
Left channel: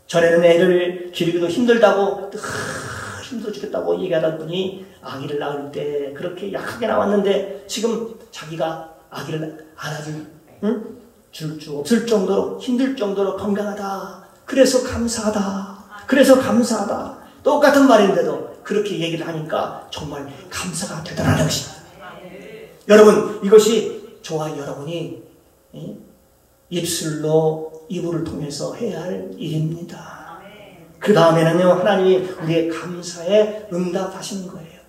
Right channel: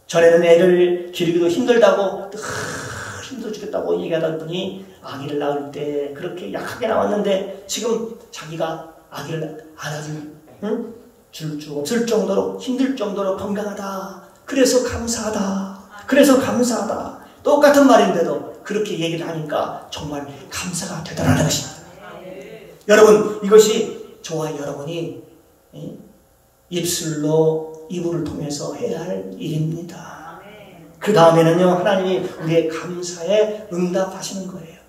전에는 애를 기르기도 힘들다고 힘들어 죽겠다고 얘기하던 분이 아기를 낳을 때 그렇게 약하게 나왔는데 지금 자기가 아기를 줄 수 없을 정도로 힘들 정도로 건강하다. 그래서 감사하다. 똑같은 말인데도 그렇게 얘기를 하니까 정말 감사가 되더라는 것입니다. 여러분 이것이 저와 여러분이 입을 통해서 해야 할 일입니다. 그 다음에는요 하나님이 우리의 감사에 응답하시는 거예요.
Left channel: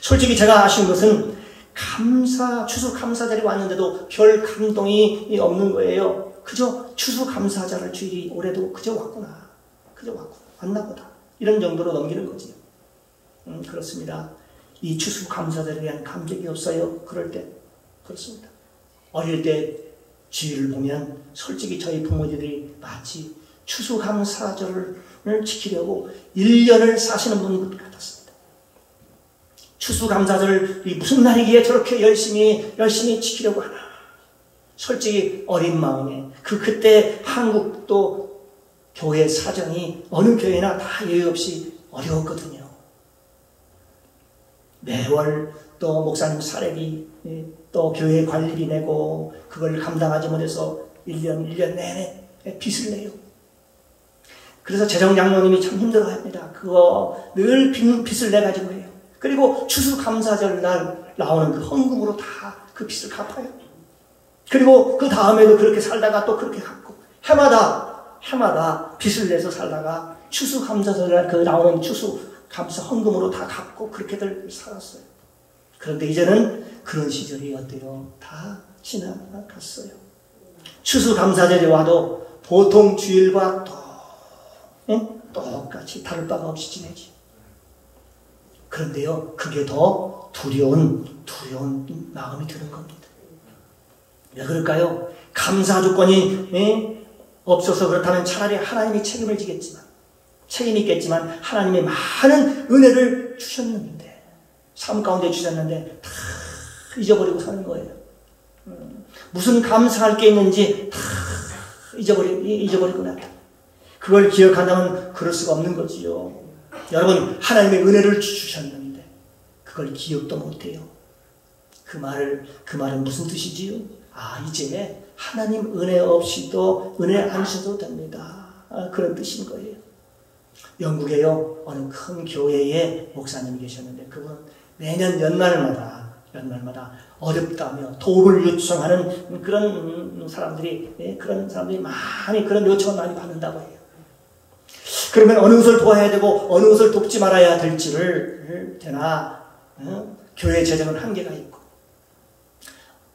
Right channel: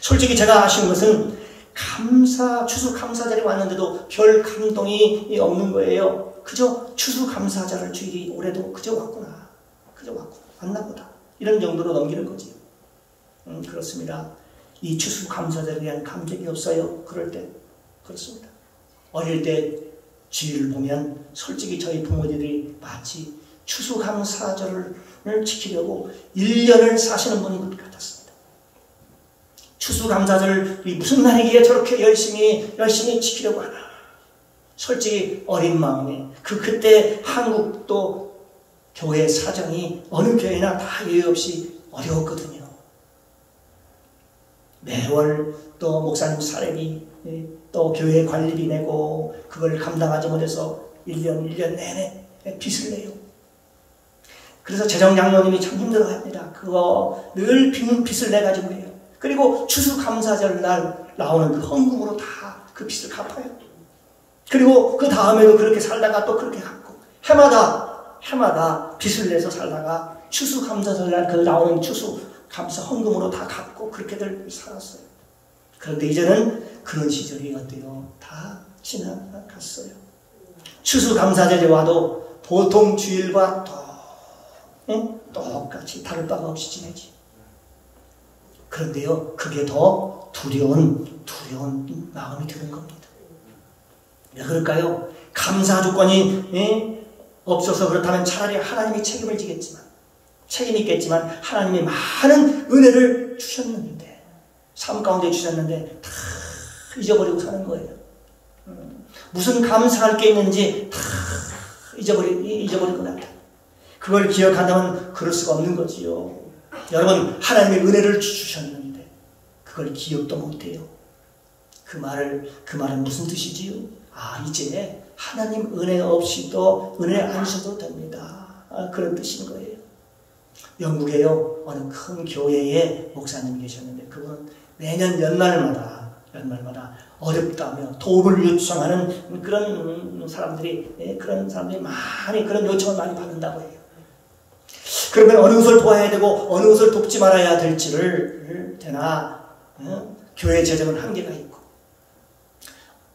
솔직히 제가 아시는 것은 추수감사절이 왔는데도 별 감동이 없는 거예요. 그저 추수감사절을 주일이 올해도 그저 왔구나. 왔나 보다. 이런 정도로 넘기는 거지. 그렇습니다. 이 추수감사절에 대한 감격이 없어요. 그럴 때 그렇습니다. 어릴 때 주일을 보면 솔직히 저희 부모님들이 마치 추수감사절을 지키려고 1년을 사시는 분 같았습니다. 추수감사절이 무슨 날이기에 저렇게 열심히 지키려고 하나. 솔직히 어린 마음에 그때 한국도 교회 사정이 어느 교회나 다 예외 없이 어려웠거든요. 매월 또 목사님 사례비 또 교회 관리비 내고 그걸 감당하지 못해서 1년 내내 빚을 내요. 그래서 재정장로님이 참 힘들어합니다. 그거 늘 빚을 내가지고 해요. 그리고 추수감사절 날 나오는 그 헌금으로 다 그 빚을 갚아요. 그리고 그 다음에도 그렇게 살다가 또 그렇게 갚고 해마다 빚을 내서 살다가 추수감사절 날 그 나오는 추수감사 헌금으로 다 갚고 그렇게들 살았어요. 그런데 이제는 그런 시절이 어때요? 다 지나갔어요. 추수감사절이 와도 보통 주일과 똑같이 다를 바가 없이 지내지. 그런데요, 그게 더 두려운 마음이 드는 겁니다. 왜 그럴까요? 감사 조건이 없어서 그렇다면 차라리 하나님이 책임을 지겠지만, 책임이 있겠지만 하나님이 많은 은혜를 주셨는데, 삶 가운데 주셨는데 다 잊어버리고 사는 거예요. 무슨 감사할 게 있는지 다 잊어버리고 났다. 그걸 기억한다면 그럴 수가 없는 거지요. 여러분, 하나님의 은혜를 주셨는데 그걸 기억도 못해요. 그 말은 무슨 뜻이지요? 이제 하나님 은혜 없이도 은혜 안 주셔도 됩니다. 그런 뜻인 거예요. 영국에요, 어느 큰 교회에 목사님이 계셨는데 그분은 매년 연말마다 어렵다며 도움을 요청하는 그런 사람들이 많이 그런 요청을 많이 받는다고 해요. 그러면 어느 것을 도와야 되고 어느 것을 돕지 말아야 될지를 교회 재정은 한계가 있고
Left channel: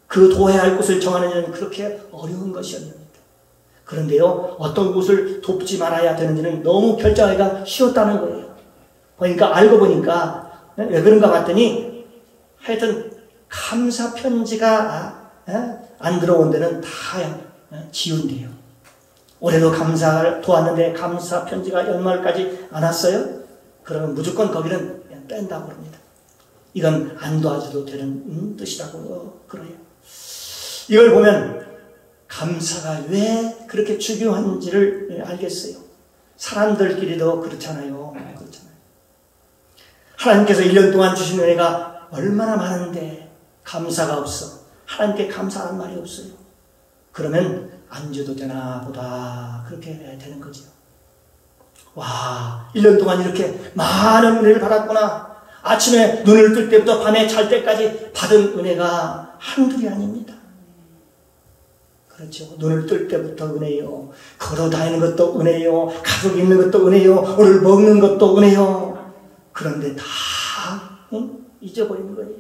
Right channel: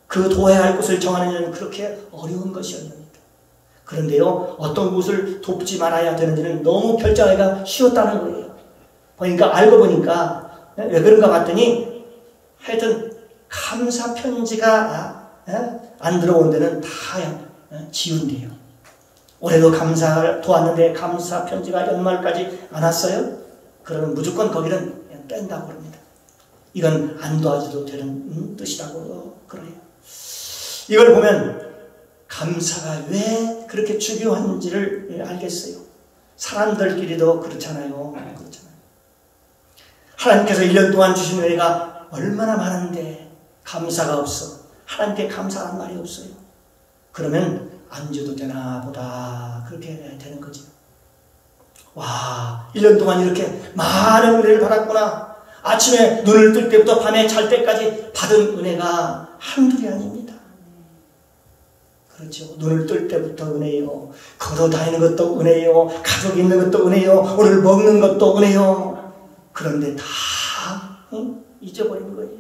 그 도와야 할 것을 정하는 일은 그렇게 어려운 것이었습니다. 그런데요, 어떤 것을 돕지 말아야 되는지는 너무 결정하기가 쉬웠다는 거예요. 알고 보니까 왜 그런가 봤더니 하여튼 감사 편지가 안 들어온 데는 다 지운대요. 올해도 감사를 도왔는데 감사 편지가 연말까지 안 왔어요? 그러면 무조건 거기는 그냥 뺀다고 그럽니다. 이건 안 도와줘도 되는 뜻이라고 그래요. 이걸 보면 감사가 왜 그렇게 중요한지를 알겠어요. 사람들끼리도 그렇잖아요. 하나님께서 1년 동안 주신 은혜가 얼마나 많은데 감사가 없어. 하나님께 감사한 말이 없어요. 그러면 안 줘도 되나 보다 그렇게 되는 거죠. 와, 1년 동안 이렇게 많은 은혜를 받았구나. 아침에 눈을 뜰 때부터 밤에 잘 때까지 받은 은혜가 한둘이 아닙니다. 그렇죠. 눈을 뜰 때부터 은혜요. 걸어 다니는 것도 은혜요. 가족 있는 것도 은혜요. 오늘 먹는 것도 은혜요. 그런데 다 잊어버리는 거예요.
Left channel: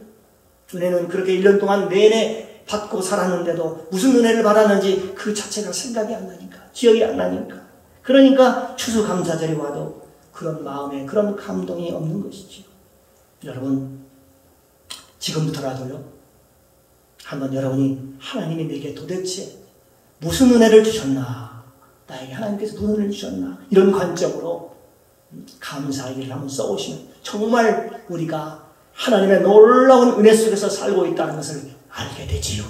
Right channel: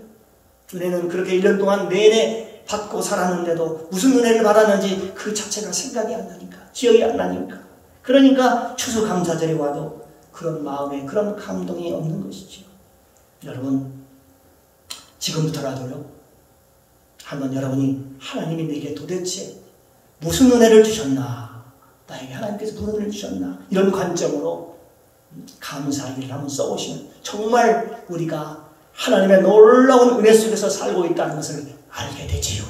은혜는 그렇게 1년 동안 내내 받고 살았는데도 무슨 은혜를 받았는지 그 자체가 생각이 안 나니까, 기억이 안 나니까. 그러니까 추수감사절이 와도 그런 마음에 그런 감동이 없는 것이죠. 여러분, 지금부터라도요, 한번 여러분이 하나님이 내게 도대체 무슨 은혜를 주셨나, 나에게 하나님께서 무슨 은혜를 주셨나, 이런 관점으로 감사하기를 한번 써오시면 정말 우리가 하나님의 놀라운 은혜 속에서 살고 있다는 것을 알게 되지요.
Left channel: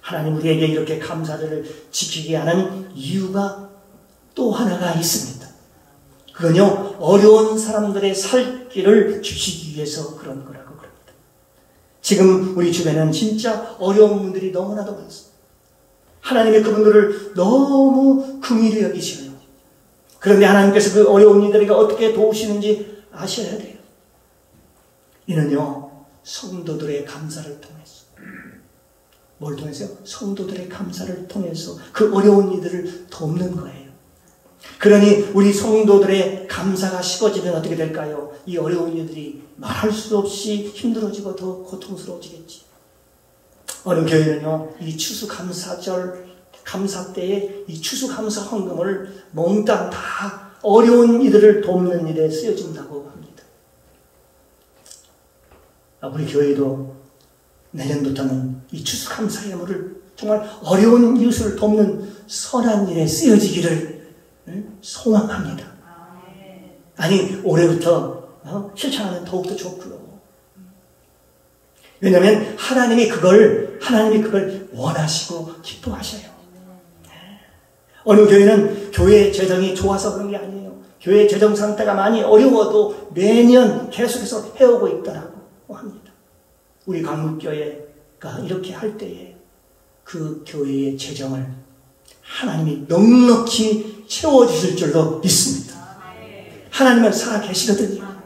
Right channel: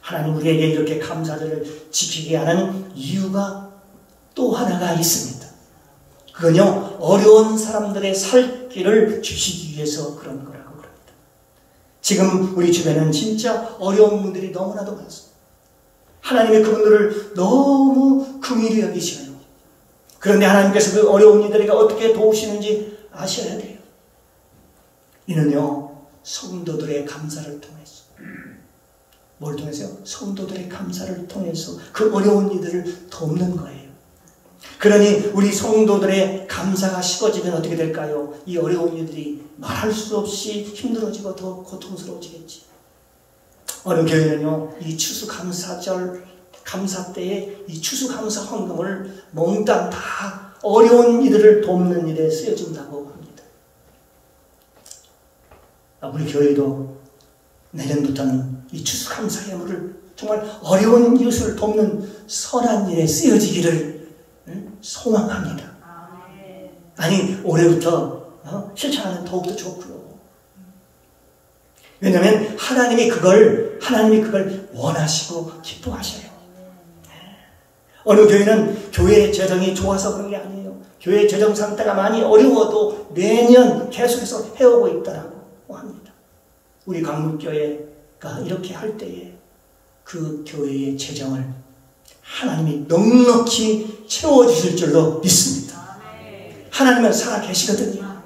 하나님 우리에게 이렇게 감사절을 지키게 하는 이유가 또 하나가 있습니다. 그건요, 어려운 사람들의 살 길을 주시기 위해서 그런 거라고 그럽니다. 지금 우리 주변에는 진짜 어려운 분들이 너무나도 많습니다. 하나님이 그분들을 너무 긍휼히 여기시어요. 그런데 하나님께서 그 어려운 이들에게 어떻게 도우시는지 아셔야 돼요. 이는요, 성도들의 감사를 통해서. 뭘 통해서요? 성도들의 감사를 통해서 그 어려운 이들을 돕는 거예요. 그러니 우리 성도들의 감사가 식어지면 어떻게 될까요? 이 어려운 일들이 말할 수 없이 힘들어지고 더 고통스러워지겠지. 어느 교회는요, 이 추수감사절, 감사 때에 이 추수감사 헌금을 몽땅 다 어려운 이들을 돕는 일에 쓰여진다고 합니다. 우리 교회도 내년부터는 이 추수감사 예물을 정말 어려운 이웃을 돕는 선한 일에 쓰여지기를 소망합니다. 아니, 올해부터 실천하면 더욱더 좋고요. 왜냐하면 하나님이 그걸 원하시고 기뻐하셔요. 어느 교회는 교회 재정이 좋아서 그런 게 아니에요. 교회 재정 상태가 많이 어려워도 매년 계속해서 해오고 있다고 합니다. 우리 강북교회가 이렇게 할 때에 그 교회의 재정을 하나님이 넉넉히 채워주실 줄로 믿습니다. 하나님은 살아계시거든요.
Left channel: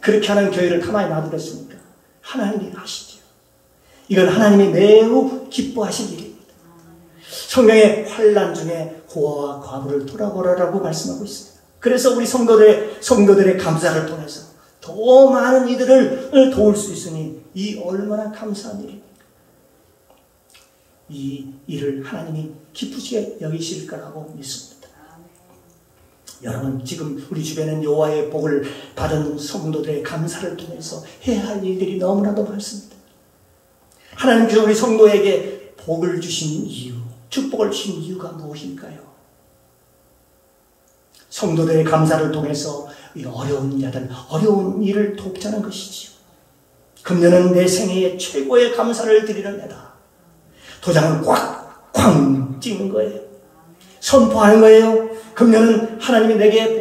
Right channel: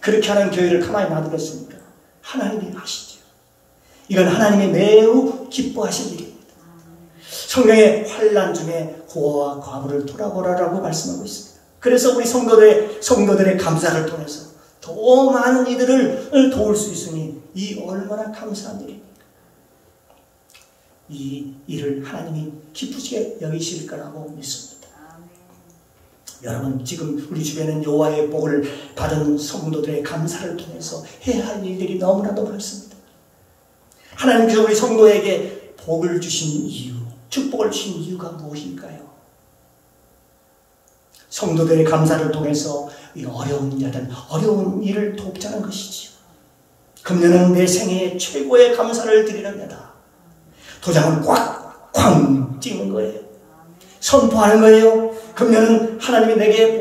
그렇게 하는 교회를 가만히 놔두겠습니까? 하나님이 하시죠. 이건 하나님이 매우 기뻐하실 일입니다. 성경의 환난 중에 고아와 과부를 돌아보라라고 말씀하고 있습니다. 그래서 우리 성도들의 감사를 통해서 더 많은 이들을 도울 수 있으니 이 얼마나 감사한 일입니까? 이 일을 하나님이 기쁘시게 여기실 거라고 믿습니다. 여러분, 지금 우리 주변엔 여호와의 복을 받은 성도들의 감사를 통해서 해야 할 일들이 너무나도 많습니다. 하나님께서 우리 성도에게 복을 주신 이유, 축복을 주신 이유가 무엇일까요? 성도들의 감사를 통해서 이 어려운 일을 돕자는 것이지요. 금년은 내 생애의 최고의 감사를 드리는 해다. 도장을 꽉 찍는 거예요. 선포하는 거예요. 금년은 하나님이 내게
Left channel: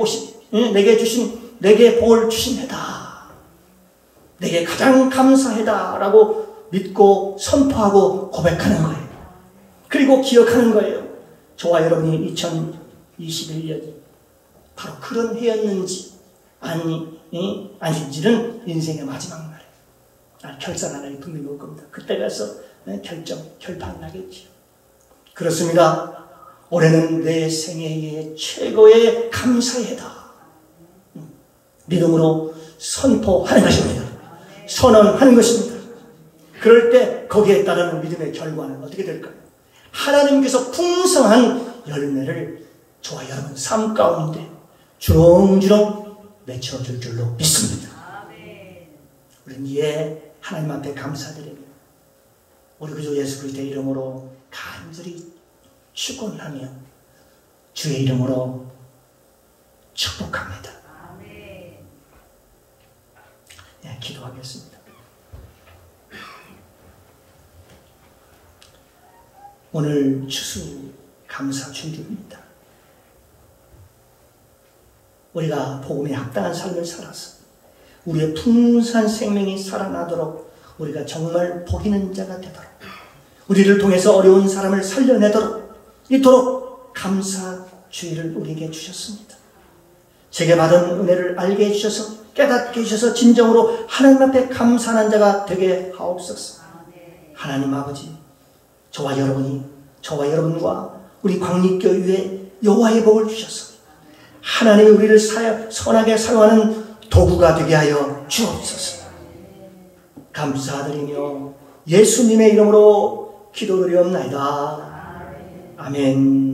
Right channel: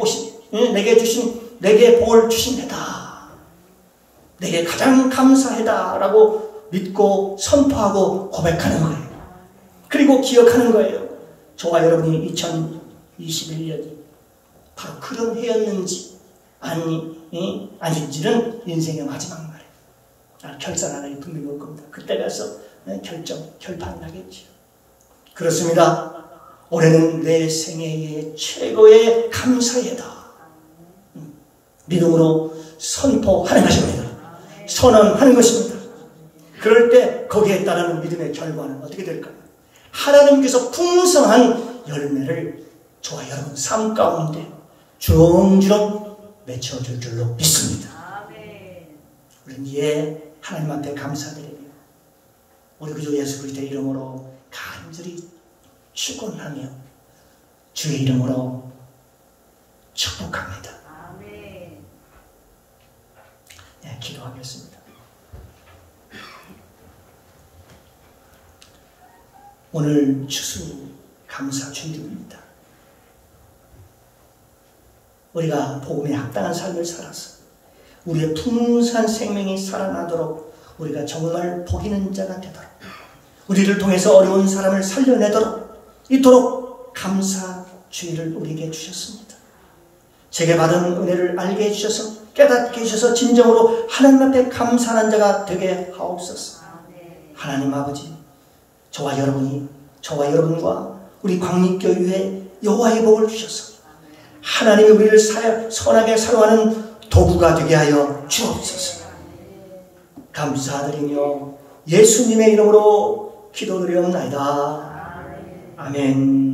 복을 주신 해다. 내게 가장 감사해다라고 믿고 선포하고 고백하는 거예요. 그리고 기억하는 거예요. 저와 여러분이 2021년이 바로 그런 해였는지 아닌지는 인생의 마지막 날에 결산한 날이 분명히 올 겁니다. 그때 가서 결판을 하겠죠. 그렇습니다. 올해는 내 생애의 최고의 감사의 해다. 믿음으로 선포하는 것입니다. 선언하는 것입니다. 그럴 때 거기에 따르는 믿음의 결과는 어떻게 될까요? 하나님께서 풍성한 열매를 저와 여러분 삶 가운데 주렁주렁 맺혀줄 줄로 믿습니다. 우리는 이에 하나님 앞에 감사드립니다. 우리 구주 예수 그리스도의 이름으로 간절히 축원하며 주의 이름으로 축복합니다. 네, 기도하겠습니다. 오늘 추수감사 주일입니다. 우리가 복음에 합당한 삶을 살아서 우리의 풍성한 생명이 살아나도록 우리가 정말 복 있는 자가 되도록 우리를 통해서 어려운 사람을 살려내도록 이토록 감사 주의를 우리에게 주셨습니다. 제게 받은 은혜를 알게 해주셔서 깨닫게 해주셔서 진정으로 하나님 앞에 감사하는 자가 되게 하옵소서. 하나님 아버지, 저와 여러분과 우리 광립교회에 여호와의 복을 주셔서 하나님이 우리를 선하게 사랑하는 도구가 되게 하여 주옵소서. 감사드리며 예수님의 이름으로 기도드리옵나이다. 아멘.